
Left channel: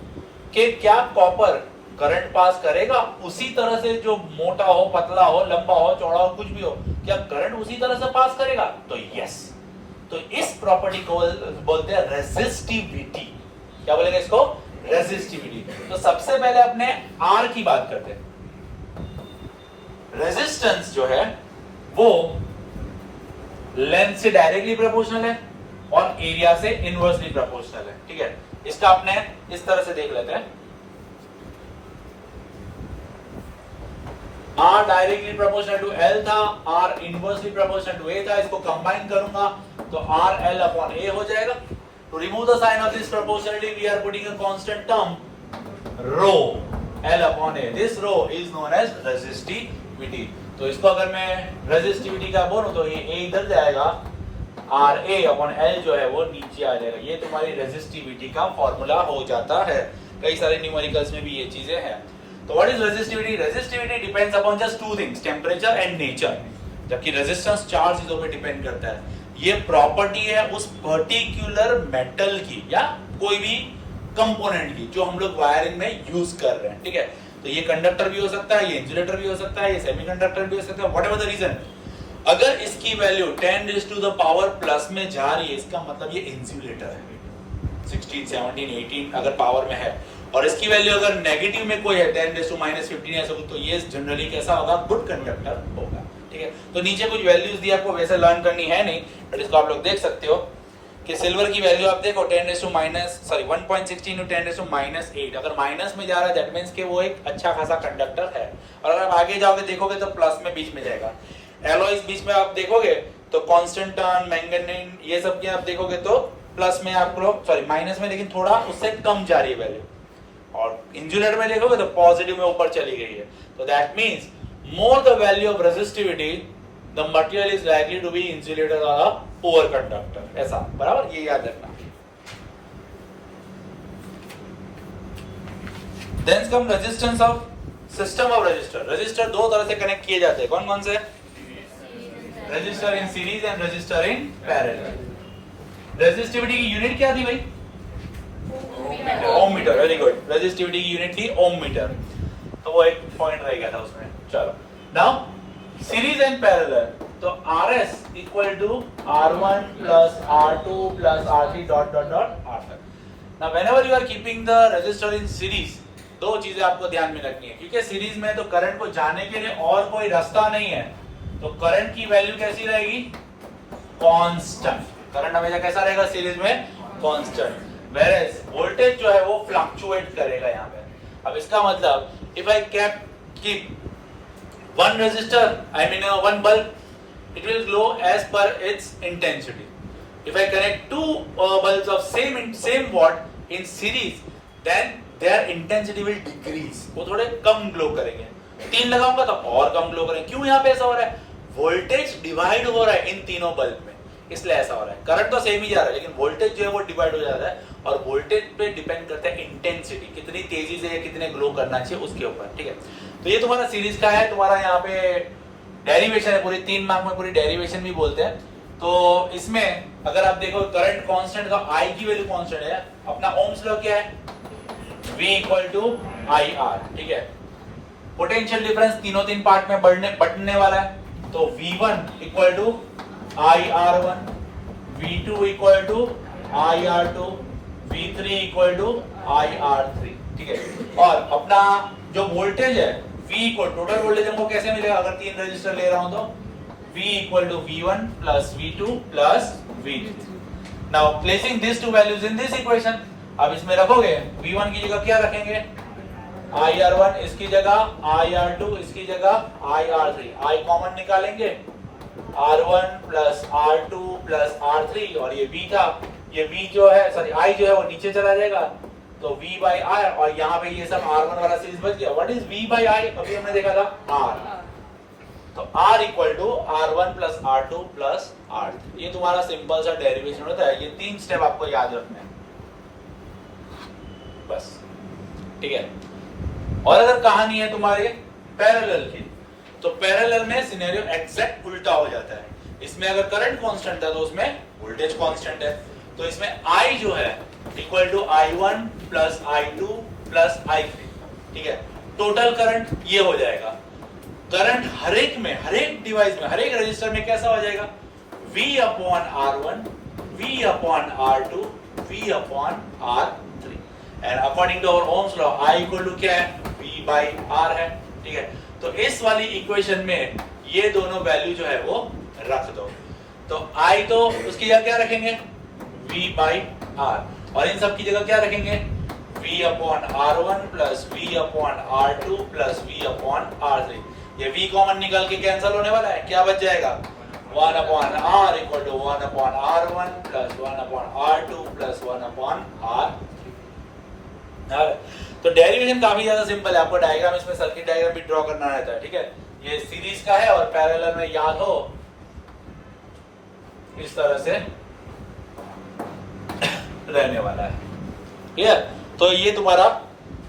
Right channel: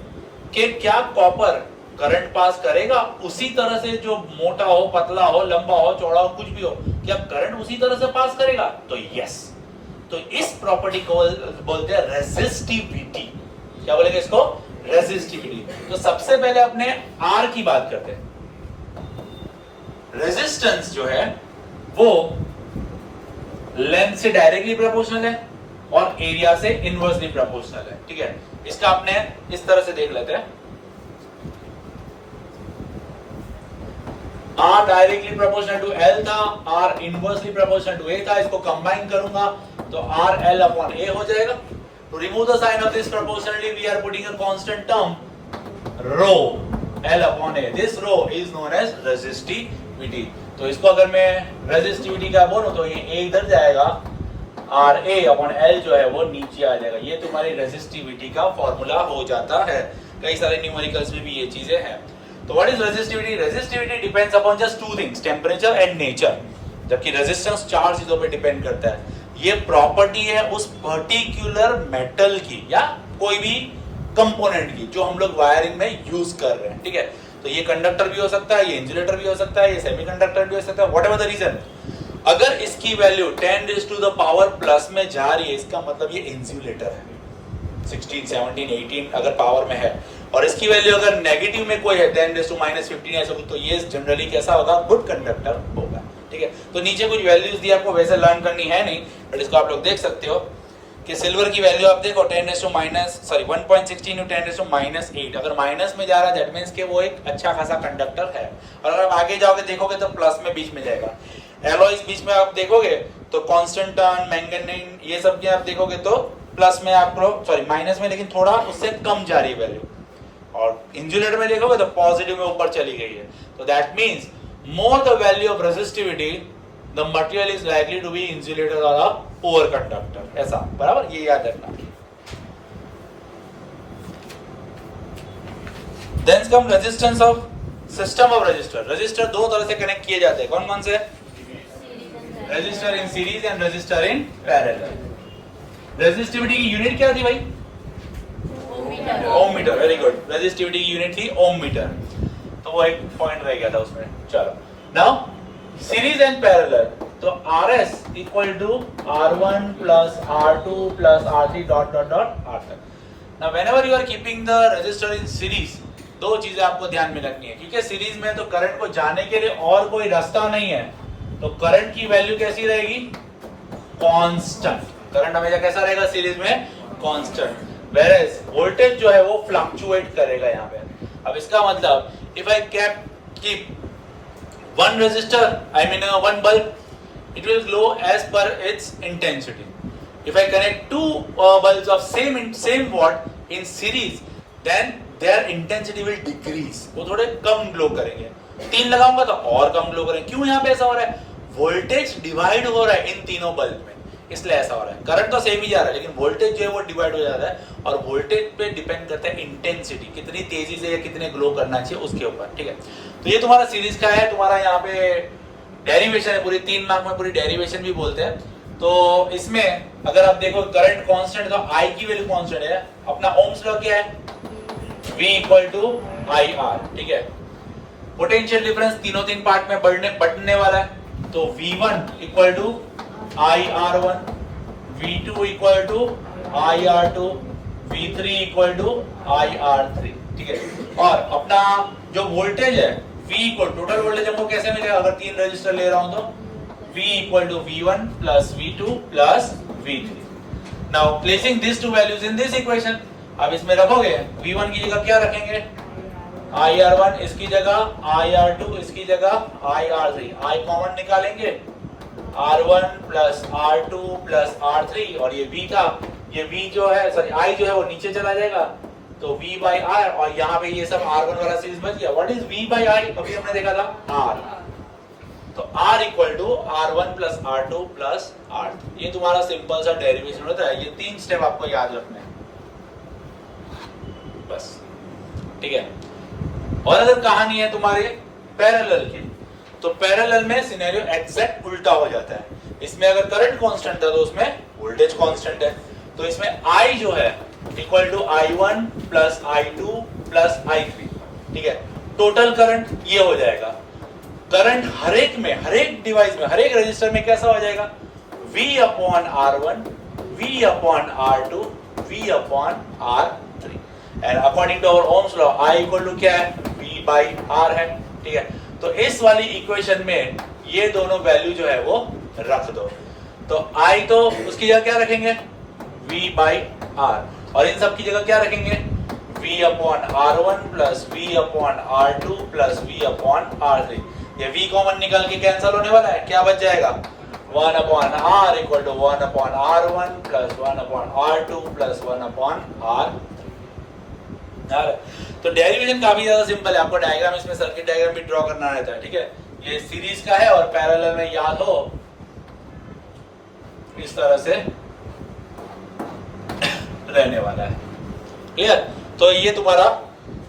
कि क्या कॉपर करंट पास करेगा उसी तरह से, जो मोटा हो, पतला हो, लंबा हो, चौड़ा हो, कुछ भी हो, क्या करंट उसी तरह से पास करेगा? तो यस। तो इस प्रॉपर्टी को बोलते हैं रेजिस्टिविटी। क्या बोलेंगे इसको? रेजिस्टिविटी। तो सबसे पहले अपने आर की बात करते हैं। रेजिस्टेंस जो है वो लेंथ से डायरेक्टली प्रोपोर्शनल है, और एरिया से इनवर्सली प्रोपोर्शनल है। ठीक है, इसका आपने इस तरह से देख लेते हैं, R directly proportional to L था, R inversely proportional to A था, इसको कंबाइन करूंगा तो R L अपॉन A हो जाएगा। To remove the sign of this proportionality we are putting a constant term rho L upon A। This rho is known as resistivity. तो इसको अगर मैं रेजिस्टिविटी का बोलूं तो ये A इधर जाएगा, R A अपॉन L जो है वो नीचे आ जाएगा। ये तुम्हारी रेजिस्टिविटी का फॉर्मूला हो जाता है। कई सारे न्यूमेरिकल्स में भी ये चीजें हैं। तो what is resistivity? Resistivity depends upon just two things, temperature and nature. जबकि रेजिस्टेंस चार चीजों पे डिपेंड करता है। ये प्रॉपर्टी है उस पर्टिकुलर मेटल की या कोई भी कंपोनेंट की जो हम लोग वायरिंग में यूज कर रहे हैं। ठीक है, तो ये कंडक्टर भी हो सकता है, ये इंसुलेटर भी हो सकता है, ये सेमीकंडक्टर भी हो सकता है, व्हाटएवर द रीजन। अगर इसकी वैल्यू 10⁻⁻⁴ में जा रही है, इसका मतलब ये इंसुलेटर है। 16, 17, 18 अगर पावर में है, और इसकी वैल्यू अगर नेगेटिव में कोई है 10⁻⁻15 ऐसा, तो ये जनरली कैसा होगा? गुड कंडक्टर होगा। ठीक है, तो नीचे कुछ वैल्यूज दी आपको, वैसे लर्न करनी है नहीं, बट इसको आप लोग देख सकते हो कि सिल्वर की वैल्यू आप देखो 1.16 10⁻8। अगर माइनस में जा रहा है दैट मींस कि वो एक अच्छा खासा कंडक्टर है। और अगर आप आगे जाओगे देखोगे तो प्लस में बीच में जाएगा। एलॉयज बीच में आप देखोगे तो कांस्टेंटन, मैंगनीज ये सब के आप देखोगे तो प्लस में आपको माइनस में, लेकिन थोड़ा उससे कम जा रही है वैल्यू। और इंसुलेटर में देखोगे तो पॉजिटिव में ऊपर चली गई है। तो that means more the value of resistivity the material is likely to be insulator और अ पुअर कंडक्टर। ऐसा बराबर, ये याद रखना। Then come resistance of system of resistor. Resistor दो तरह से कनेक्ट किए जाते हैं, कौन कौन से? Register in series and register in parallel. Resistivity की यूनिट क्या थी भाई? ओम मीटर। वेरी गुड, रेजिस्टिविटी की यूनिट थी ओम मीटर। तो वो एक पॉइंट रह गया था उसमें। चलो नाउ सीरीज एंड पैरेलल, तो RS equal to R1 plus R2 plus R3 dot dot dot R तक। Now whenever you are keeping the resistor in series, दो चीजें आपको ध्यान में रखनी है, क्योंकि सीरीज में तो करंट को जाने के लिए और कोई रास्ता नहीं है। तो करंट की वैल्यू कैसी रहेगी? कांस्टेंट। करंट हमेशा कैसा रहेगा सीरीज में? कांस्टेंट। वेयरएज वोल्टेज जो है वो फ्लक्चुएट करेगा यहाँ पे। अब इसका मतलब if I keep one resistor, I mean one bulb, it will glow as per its intensity. If I connect two bulbs of same watt in series, then their intensity will decrease. वो थोड़े कम glow करेंगे। तीन लगाऊंगा तो और कम glow करेंगे। क्यों यहाँ पे ऐसा हो रहा है? वोल्टेज डिवाइड हो रहा है इन तीनों बल्ब में, इसलिए ऐसा हो रहा है। करंट तो सेम ही जा रहा है, लेकिन वोल्टेज जो है वो डिवाइड हो जाता है। और वोल्टेज पे डिपेंड करता है इंटेंसिटी, कितनी तेजी से या कितने ग्लो करना चाहिए उसके ऊपर। ठीक है, तो ये तुम्हारा सीरीज का है। तुम्हारा यहाँ पे डेरिवेशन है पूरी, 3 मार्क में पूरी डेरिवेशन भी बोलते हैं। तो इसमें अगर आप देखो करंट कांस्टेंट था, I की वैल्यू कांस्टेंट है। अपना ओम्स लॉ क्या है? V equal to IR। ठीक है, पोटेंशियल डिफरेंस तीनों तीन पार्ट में बढ़ने वाला है। तो V1 equal to IR1, V2 equal to IR2, V3 equal to IR3। ठीक है, और अपना जो वोल्टेज है V इक्वल टोटल वोल्टेज हमको कैसे मिलेगा? अगर 3 रजिस्टर ले रहा हूं तो V equal to V1 plus V2 plus V3। Now placing this two values in this equation, अब इसमें रखोगे V1 की जगह क्या रखेंगे? IR1, इसकी जगह IR2, इसकी जगह IR3। I कॉमन निकालेंगे, R1 plus R2 plus R3, और ये V था, ये V जो है I जो है वो नीचे चला जाएगा, तो V by I, और यहाँ पे ये सब R1 वाला सीरीज बच गया। What is V by I? अभी हमने देखा था R, तो R equal to R1 plus R2 plus R3। ये तुम्हारा सिंपल सा डेरिवेशन होता है। ये 3 स्टेप आपको याद रखने हैं बस। ठीक है, और अगर कहानी है तुम्हारे पैरेलल की, तो पैरेलल में सिनेरियो एग्जैक्ट उल्टा हो जाता है। इसमें अगर करंट कांस्टेंट था तो उसमें वोल्टेज कांस्टेंट है। तो इसमें I जो है equal to I1 plus I2 plus I3। ठीक है, टोटल करंट ये हो जाएगा। करंट हर एक डिवाइस में, हर एक रजिस्टर में कैसा हो जाएगा? V upon R1, V upon R2, V upon R3। And according to our ohm's law I equal to क्या है? V by R है। ठीक है, तो इस वाली इक्वेशन में ये दोनों वैल्यू जो है वो रख दो। तो I तो उसकी जगह क्या रखेंगे? V बाई R, और इन सब की जगह क्या रखेंगे, V upon R1 plus V upon R2 plus V upon R3। ये V कॉमन निकल के कैंसिल होने वाला है, क्या बच जाएगा, 1 upon R equal to 1 upon R1 plus 1 upon R2 plus 1 upon R3। तो डेरिवेशन काफी ज्यादा सिंपल है, आपको डायग्राम, इसमें सर्किट डायग्राम भी ड्रॉ करना रहता है, ठीक है। ये सीरीज का है और पैरेलल में याद हो इस तरह से रहने वाला है, क्लियर। तो ये तुम्हारा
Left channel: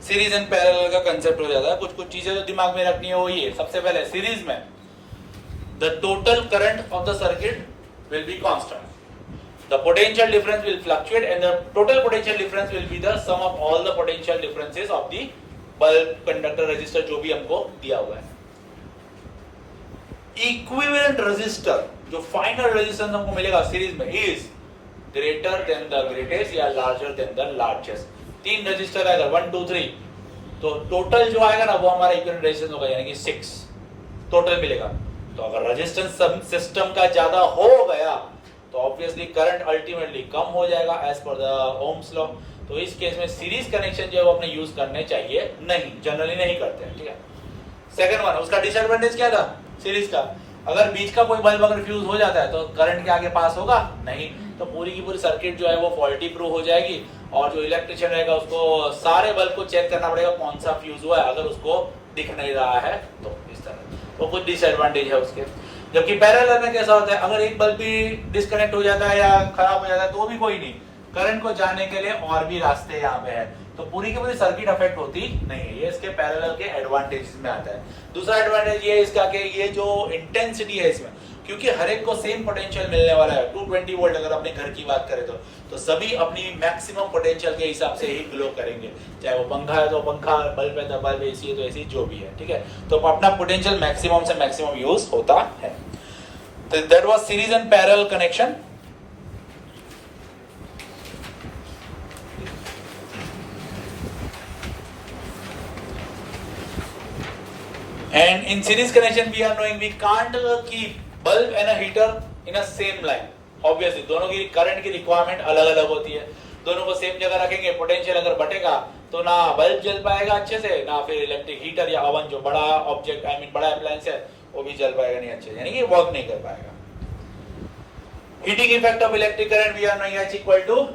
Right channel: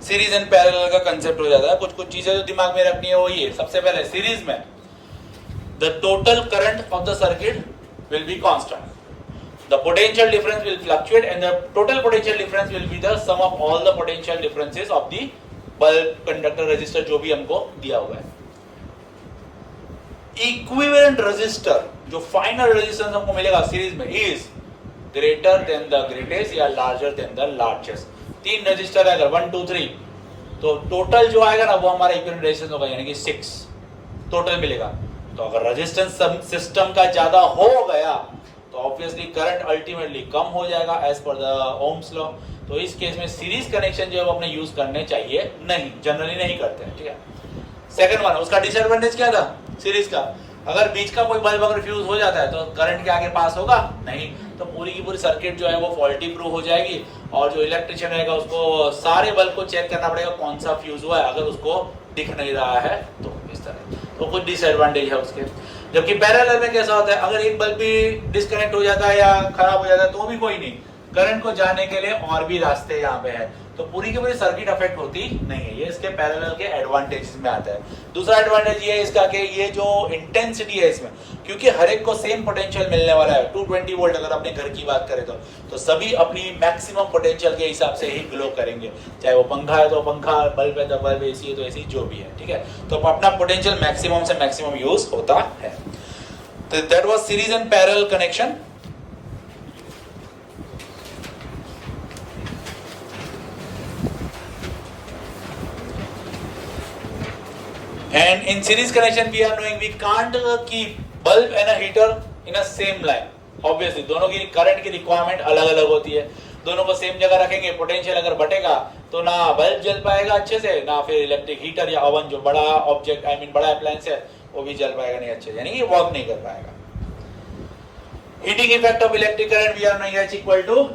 सीरीज एंड पैरेलल का कंसेप्ट हो जाता है। कुछ कुछ चीजें जो दिमाग में रखनी है वो ये, सबसे पहले सीरीज में the total current of the circuit will be constant, the potential difference will fluctuate and the total potential difference will be the sum of all the potential differences of the bulb, conductor, resistor जो भी हमको दिया हुआ है। Equivalent resistor जो final resistance हमको मिलेगा series में is greater than the greatest या larger than the largest. 3 resistor है अगर 1 2 3, तो टोटल जो आएगा ना वो हमारा इक्विवेलेंट रेजिस्टेंस होगा, यानी कि 6 टोटल मिलेगा। तो अगर रेजिस्टेंस सिस्टम का ज्यादा हो गया तो ऑब्वियसली करंट अल्टीमेटली कम हो जाएगा as per the Ohm's law. तो इस केस में सीरीज कनेक्शन जो है वो अपने यूज करने चाहिए नहीं, जनरली नहीं करते हैं, ठीक है। सेकंड वन, उसका डिसएडवांटेज क्या था सीरीज का, अगर बीच का कोई बल्ब अगर फ्यूज हो जाता है तो करंट के आगे पास होगा नहीं, तो पूरी की पूरी सर्किट जो है वो फॉल्टी प्रूफ हो जाएगी, और जो इलेक्ट्रिशियन रहेगा उसको सारे बल्ब को चेक करना पड़ेगा कौन सा फ्यूज हुआ है, अगर उसको दिख नहीं रहा है तो इस तरह। तो कुछ डिसएडवांटेज है उसके। जबकि पैरेलल में कैसा होता है, अगर एक बल्ब भी डिस्कनेक्ट हो जाता है या खराब हो जाता है तो भी कोई नहीं, करंट को जाने के लिए और भी रास्ते यहाँ पे है, तो पूरी की पूरी सर्किट अफेक्ट होती नहीं है। ये इसके पैरेलल के एडवांटेजेस में आता है। दूसरा एडवांटेज ये है इसका कि ये जो इंटेंसिटी है इसमें, क्योंकि हर एक को सेम पोटेंशियल मिलने वाला है, 220 वोल्ट अगर अपने घर की बात करें तो सभी अपनी मैक्सिमम पोटेंशियल के हिसाब से ही ग्लो करेंगे, चाहे वो पंखा है तो पंखा, बल्ब है तो बल्ब, एसी है तो एसी, जो भी है, ठीक है। तो अपना पोटेंशियल मैक्सिमम से मैक्सिमम यूज होता है। तो that was series and parallel connection. And in series connection we are knowing we can't keep bulb and a heater in a same line. Obviously दोनों की करंट की रिक्वायरमेंट अलग अलग होती है, दोनों को सेम जगह रखेंगे, पोटेंशियल अगर बटेगा तो ना बल्ब जल पाएगा अच्छे से, ना फिर इलेक्ट्रिक हीटर या ओवन जो बड़ा ऑब्जेक्ट आई मीन बड़ा अप्लायंस है वो भी जल पाएगा नहीं अच्छे, यानी कि वर्क नहीं कर पाएगा। Heating effect of electric current we are knowing H equal to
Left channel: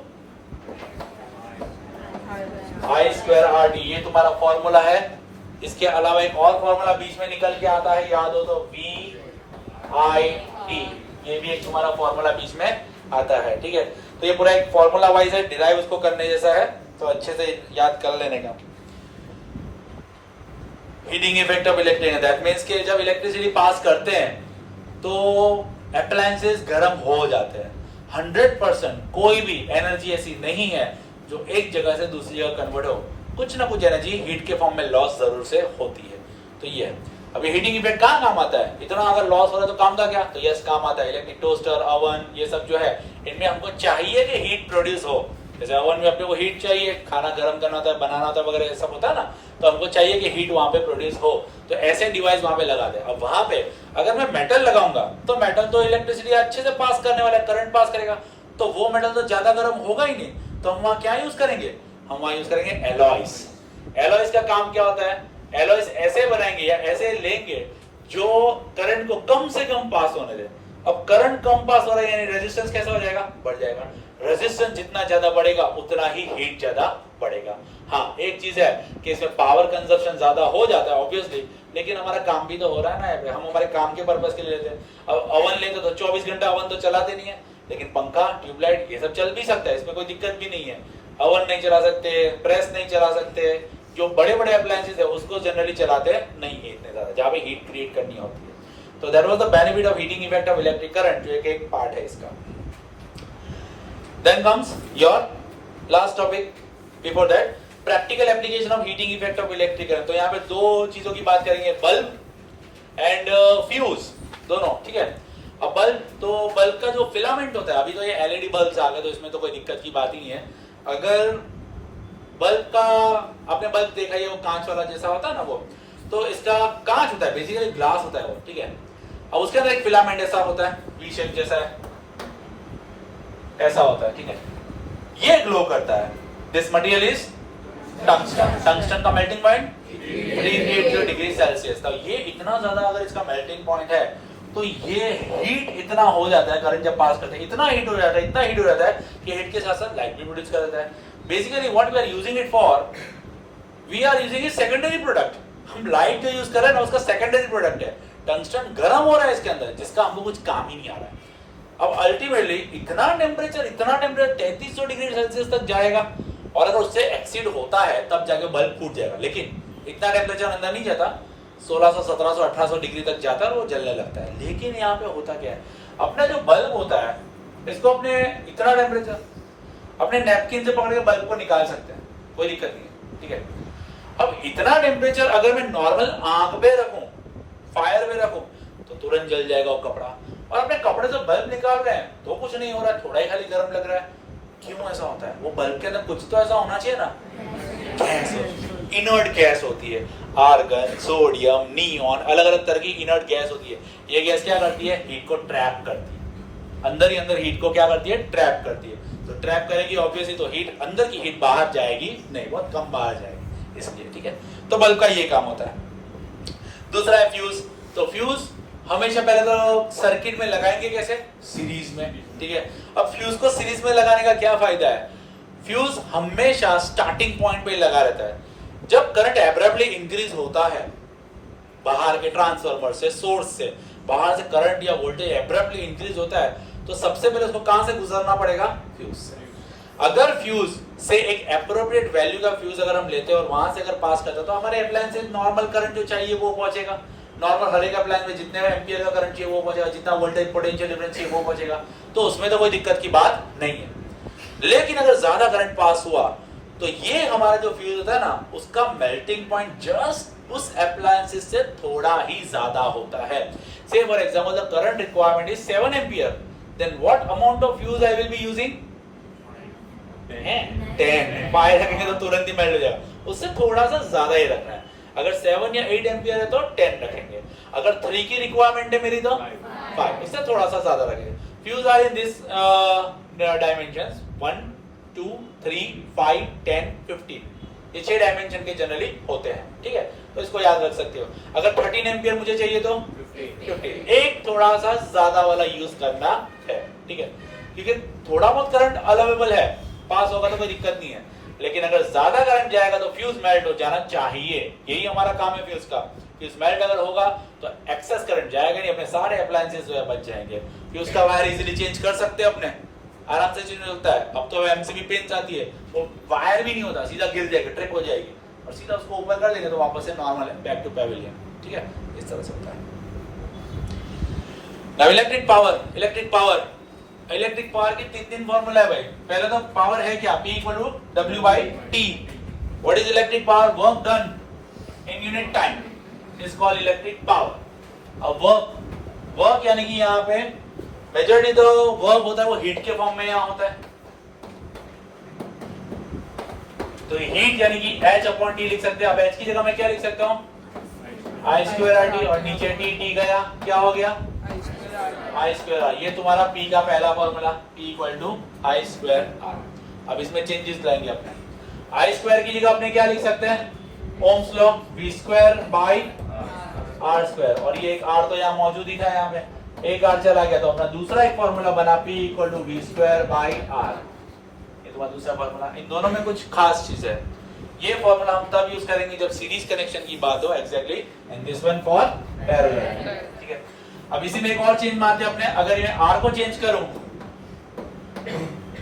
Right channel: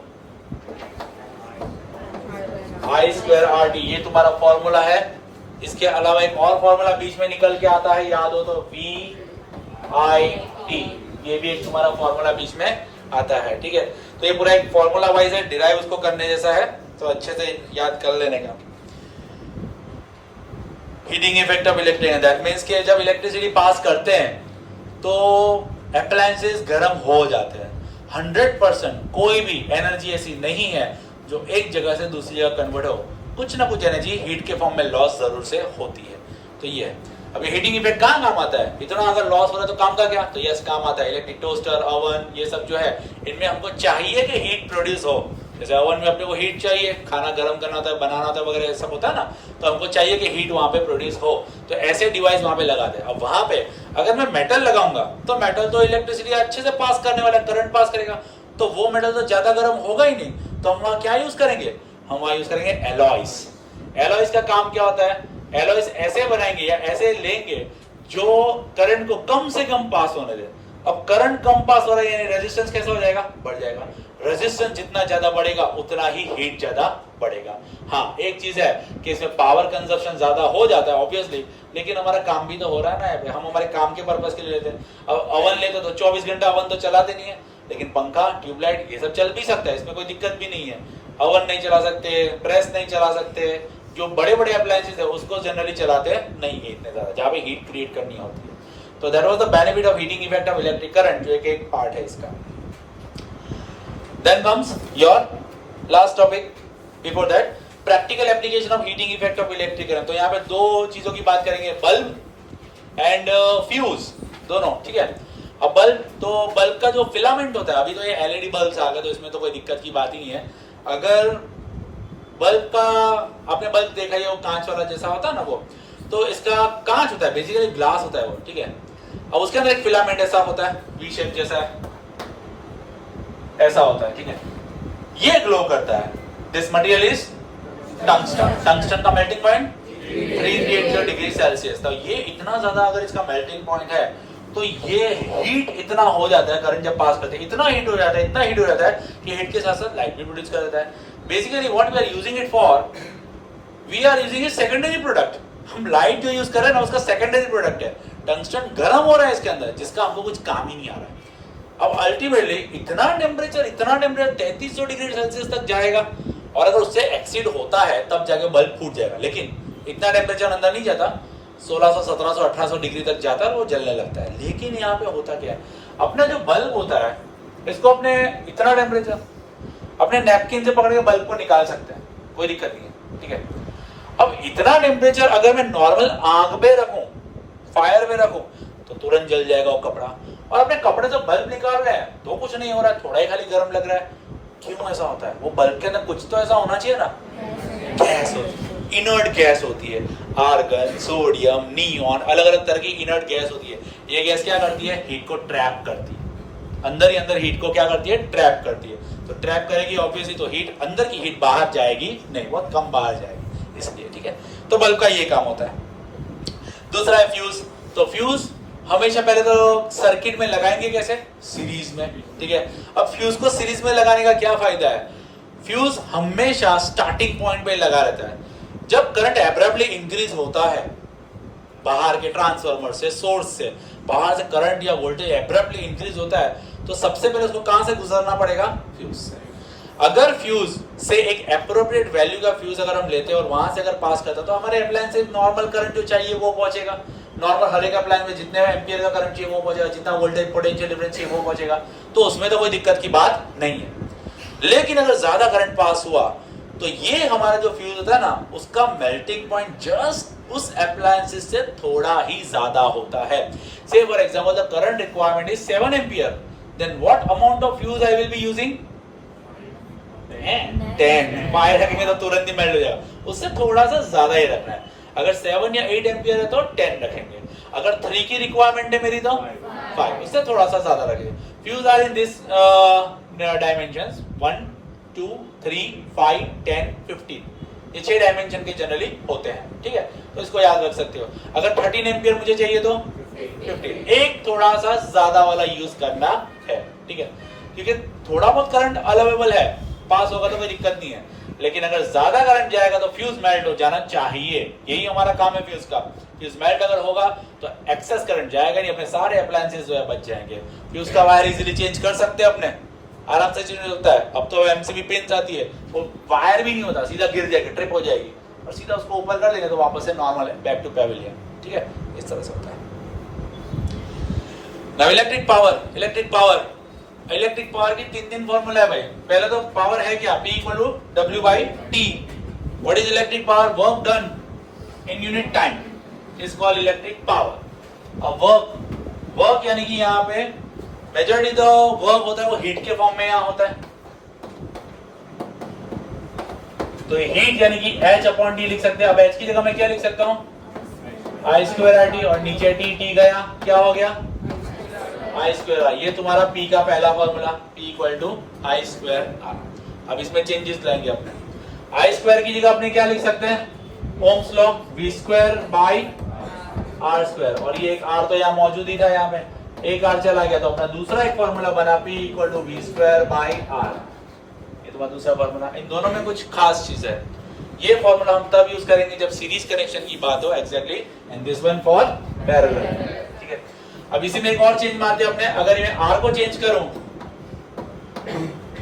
I square RT, ये तुम्हारा फॉर्मूला है। इसके अलावा एक और फॉर्मूला बीच में निकल के आता है, याद हो तो VIT, ये भी एक तुम्हारा फॉर्मूला बीच में आता है, ठीक है। तो ये पूरा एक फॉर्मूला वाइज है, डिराइव उसको करने जैसा है, तो अच्छे से याद कर लेने का। Heating effect of electric, that means कि जब इलेक्ट्रिसिटी पास करते हैं तो अप्लायंसेस गर्म हो जाते हैं। 100% कोई भी एनर्जी ऐसी नहीं है जो एक जगह से दूसरी जगह कन्वर्ट हो, कुछ ना कुछ एनर्जी हीट के फॉर्म में लॉस जरूर से होती है। तो ये है। अभी हीटिंग इफेक्ट कहाँ काम आता है, इतना अगर लॉस हो रहा है तो काम का क्या, तो यस काम आता है। इलेक्ट्रिक टोस्टर, ओवन, ये सब जो है इनमें हमको चाहिए कि हीट प्रोड्यूस हो। जैसे ओवन में अपने को हीट चाहिए, खाना गर्म करना होता है, बनाना होता है वगैरह सब होता है ना, तो हमको चाहिए कि हीट वहां पे प्रोड्यूस हो, तो ऐसे डिवाइस वहां पे लगा दे। अब वहां पे अगर मैं मेटल लगाऊंगा तो मेटल तो इलेक्ट्रिसिटी अच्छे से पास करने वाला, करंट पास करेगा, तो वो मेटल तो ज्यादा गर्म होगा ही नहीं, तो हम वहां क्या यूज करेंगे, हम वहां यूज करेंगे एलॉयज। एलॉयज का काम क्या होता है, एलॉयज ऐसे बनाएंगे या ऐसे लेंगे जो करंट को कम से कम पास होने दे। अब करंट कम पास हो रहा है यानी रेजिस्टेंस कैसा हो जाएगा, बढ़ जाएगा। रेजिस्टेंस जितना ज्यादा बढ़ेगा उतना ही हीट ज्यादा बढ़ेगा। हाँ, एक चीज है कि इसमें पावर कंजप्शन ज्यादा हो जाता है ऑब्वियसली, लेकिन हमारा काम भी तो हो रहा है ना, हम हमारे काम के पर्पज के लिए लेते हैं। अब ओवन लेते तो 24 घंटा ओवन तो चलाते नहीं है, लेकिन पंखा, ट्यूबलाइट ये सब चल भी सकता है, इसमें कोई दिक्कत भी नहीं है। ओवन नहीं चला सकते, प्रेस नहीं चला सकते, जो बड़े बड़े अप्लायंसेस है उसको जनरली चलाते नहीं है इतने ज्यादा, जहां पे हीट क्रिएट करनी होती है। तो that was the benefit of heating effect of electric current, जो एक पार्ट है इसका। Then comes your last topic before that, practical application of heating effect of electric current. तो यहाँ पे दो चीजों की बात करेंगे, बल्ब एंड फ्यूज, दोनों, ठीक है। अब बल्ब, तो बल्ब का जो फिलामेंट होता है, अभी तो ये एलईडी बल्ब आ गए तो इसमें तो कोई दिक्कत की बात ही नहीं है। अगर बल्ब का, आपने बल्ब देखा ही वो कांच वाला जैसा होता है ना वो, तो इसका कांच होता है, बेसिकली ग्लास होता है वो, ठीक है। अब उसके अंदर एक फिलामेंट ऐसा होता है, वी शेप जैसा है, ऐसा होता है, ठीक है। ये ग्लो करता है। This material is tungsten. Tungsten का मेल्टिंग पॉइंट 380 डिग्री सेल्सियस। तो ये इतना ज्यादा अगर इसका मेल्टिंग पॉइंट है तो ये हीट इतना हो जाता है, करंट जब पास करते हैं इतना हीट हो जाता है, इतना हीट हो जाता है कि हीट के साथ साथ लाइट भी प्रोड्यूस कर देता है। Basically what we are using it for, we are using it secondary product. हम लाइट जो यूज कर रहे हैं ना उसका सेकेंडरी प्रोडक्ट है। टंगस्टन गर्म हो रहा है इसके अंदर जिसका हमको कुछ काम ही नहीं आ रहा है। अब अल्टीमेटली इतना टेम्परेचर 3300 डिग्री सेल्सियस तक जाएगा और अगर उससे एक्सीड होता है तब जाके बल्ब फूट जाएगा, लेकिन इतना टेम्परेचर अंदर नहीं जाता, 1600 1700 1800 डिग्री तक जाता है और वो जलने लगता है। लेकिन यहाँ पे होता क्या है, अपना जो बल्ब होता है इसको अपने इतना टेम्परेचर अपने नैपकिन से पकड़ के बल्ब को निकाल सकते हैं, कोई दिक्कत नहीं है, ठीक है। अब इतना टेम्परेचर अगर मैं नॉर्मल आग पे रखूं, फायर में रखूं तो तुरंत जल जाएगा वो कपड़ा। और अपने कपड़े से बल्ब निकाल रहे हैं तो कुछ नहीं हो रहा है, थोड़ा ही खाली गर्म लग रहा है। क्यों ऐसा होता है? वो बल्ब के अंदर कुछ तो ऐसा होना चाहिए ना, गैस होती है, इनर्ट गैस होती है, आर्गन, सोडियम, नियॉन, अलग अलग तरह की इनर्ट गैस होती है। ये गैस क्या करती है? हीट को ट्रैप करती है, अंदर ही अंदर हीट को क्या करती है? ट्रैप करती है। तो ट्रैप करेगी ऑब्वियसली, तो हीट अंदर की हीट बाहर जाएगी नहीं, बहुत कम बाहर जाएगी, इसलिए, ठीक है। तो बल्ब का ये काम होता है। दूसरा है फ्यूज। तो फ्यूज हमेशा पहले तो सर्किट में लगाएंगे कैसे? सीरीज में, ठीक है। अब फ्यूज को सीरीज में लगाने का क्या फायदा है? फ्यूज हमेशा स्टार्टिंग पॉइंट पे लगा रहता है। जब करंट एब्रप्टली इंक्रीज होता है बाहर के ट्रांसफार्मर से, सोर्स से बाहर से करंट या वोल्टेज एब्रप्टली इंक्रीज होता है तो सबसे पहले उसको कहां से गुजरना पड़ेगा? फ्यूज से। अगर फ्यूज से एक एप्रोप्रिएट वैल्यू का फ्यूज अगर हम लेते हैं और वहां से अगर पास करता है तो हमारे अप्लायंस से नॉर्मल करंट जो चाहिए वो पहुंचेगा। नॉर्मल हर एक अप्लायंस में जितने एम्पियर का करंट चाहिए वो पहुंचेगा, जितना वोल्टेज पोटेंशियल डिफरेंस चाहिए वो पहुंचेगा, तो उसमें तो कोई दिक्कत की बात नहीं है। लेकिन अगर ज्यादा करंट पास हुआ तो ये हमारा जो फ्यूज होता है ना उसका मेल्टिंग पॉइंट जस्ट उस अप्लायंसेस से थोड़ा ही ज्यादा होता है। Say for example the current requirement is 7 ampere, then what amount of fuse I will be using? 10। 5 रखेंगे तो तुरंत ही मेल्ट हो जाएगा, उससे थोड़ा सा ज्यादा ही रखना है। अगर 7 या 8 एम्पियर है तो 10 रखेंगे, अगर 3 की रिक्वायरमेंट है मेरी तो 5, उससे थोड़ा सा ज्यादा रखेंगे। Fuse are in this dimensions 1 2 3 5 10 15, ये 6 डायमेंशन के जनरली होते हैं, ठीक है। तो इसको याद रख सकते हो। अगर 13 एम्पियर मुझे चाहिए तो 15, एक थोड़ा सा ज्यादा वाला यूज करना है, ठीक है, क्योंकि थोड़ा बहुत करंट अवेलेबल है, पास होगा तो कोई दिक्कत नहीं है। लेकिन अगर ज्यादा करंट जाएगा तो फ्यूज मेल्ट हो जाना चाहिए, यही हमारा काम है फ्यूज का। फ्यूज मेल्ट अगर होगा तो एक्सेस करंट जाएगा नहीं, अपने सारे अप्लायंसेस जो है बच जाएंगे। फ्यूज का वायर इजीली चेंज कर सकते हैं अपने, आराम से चेंज होता है। अब तो एमसीबी पिन आती है, वो वायर भी नहीं होता, सीधा गिर जाएगी, ट्रिप हो जाएगी और सीधा उसको ऊपर कर देंगे तो वापस से नॉर्मल है, बैक टू पैविलियन, ठीक है। इस तरह से होता है। Now electric power. Electric power की तीन फॉर्मूला है भाई। पहले तो पावर है क्या? P equal to W by T। What is electric power? Work done in unit time is called electric power. अब वर्क यानी कि यहाँ पे मेजॉरिटी तो वर्क होता है वो हीट के फॉर्म में यहाँ होता है। तो हीट यानी कि H अपॉन T लिख सकते हैं। अब H की जगह मैं क्या लिख सकता हूँ? I स्क्वायर RT, और नीचे T गया, क्या हो गया? I square R। ये तुम्हारा P का पहला formula, P equal to I square R। अब इसमें चेंजेस लाएंगे अपने। I स्क्वायर की जगह अपने क्या लिख सकते हैं? Ohm's law, V square by R square, और ये एक R तो यहाँ मौजूद ही था, यहाँ पे एक R चला गया तो अपना दूसरा एक फॉर्मूला बना P equal to V square by R। ये तुम्हारा दूसरा फॉर्मूला। इन दोनों में कुछ खास चीज है। ये फॉर्मूला हम तब यूज करेंगे जब सीरीज कनेक्शन की बात हो, exactly, and this one for parallel, ठीक है। अब इसी में एक और चेंज मारते हैं अपने। अगर इन्हें R को चेंज करूं,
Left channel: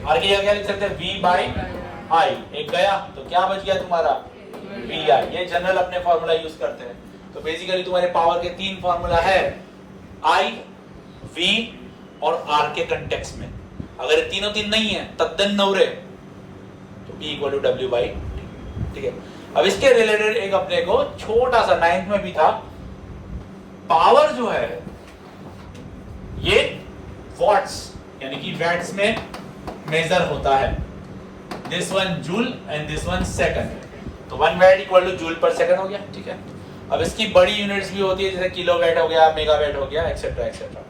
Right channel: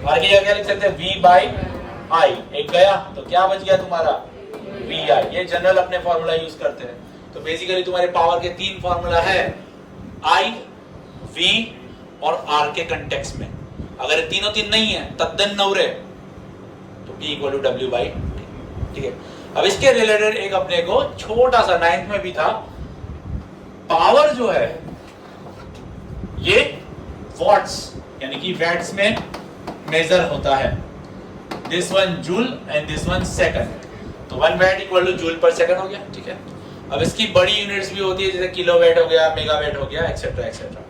R की जगह क्या लिख सकते हैं? V by I। एक गया तो क्या बच गया तुम्हारा? VI। ये जनरल अपने फॉर्मूला यूज करते हैं। तो बेसिकली तुम्हारे पावर के 3 फॉर्मूला है, I, V और R के कंटेक्स्ट में। अगर ये तीनों तीन नहीं है तद्दन नौरे तो P equal to W by, ठीक है। अब इसके रिलेटेड एक अपने को छोटा सा 9th में भी था, पावर जो है ये वॉट्स यानी कि वैट्स में मेजर होता है। This one joule and this one second, तो 1 watt equal to joule per second हो गया, ठीक है। अब इसकी बड़ी यूनिट्स भी होती है, जैसे किलोवाट हो गया, मेगावाट हो गया, एक्सेट्रा एक्सेट्रा।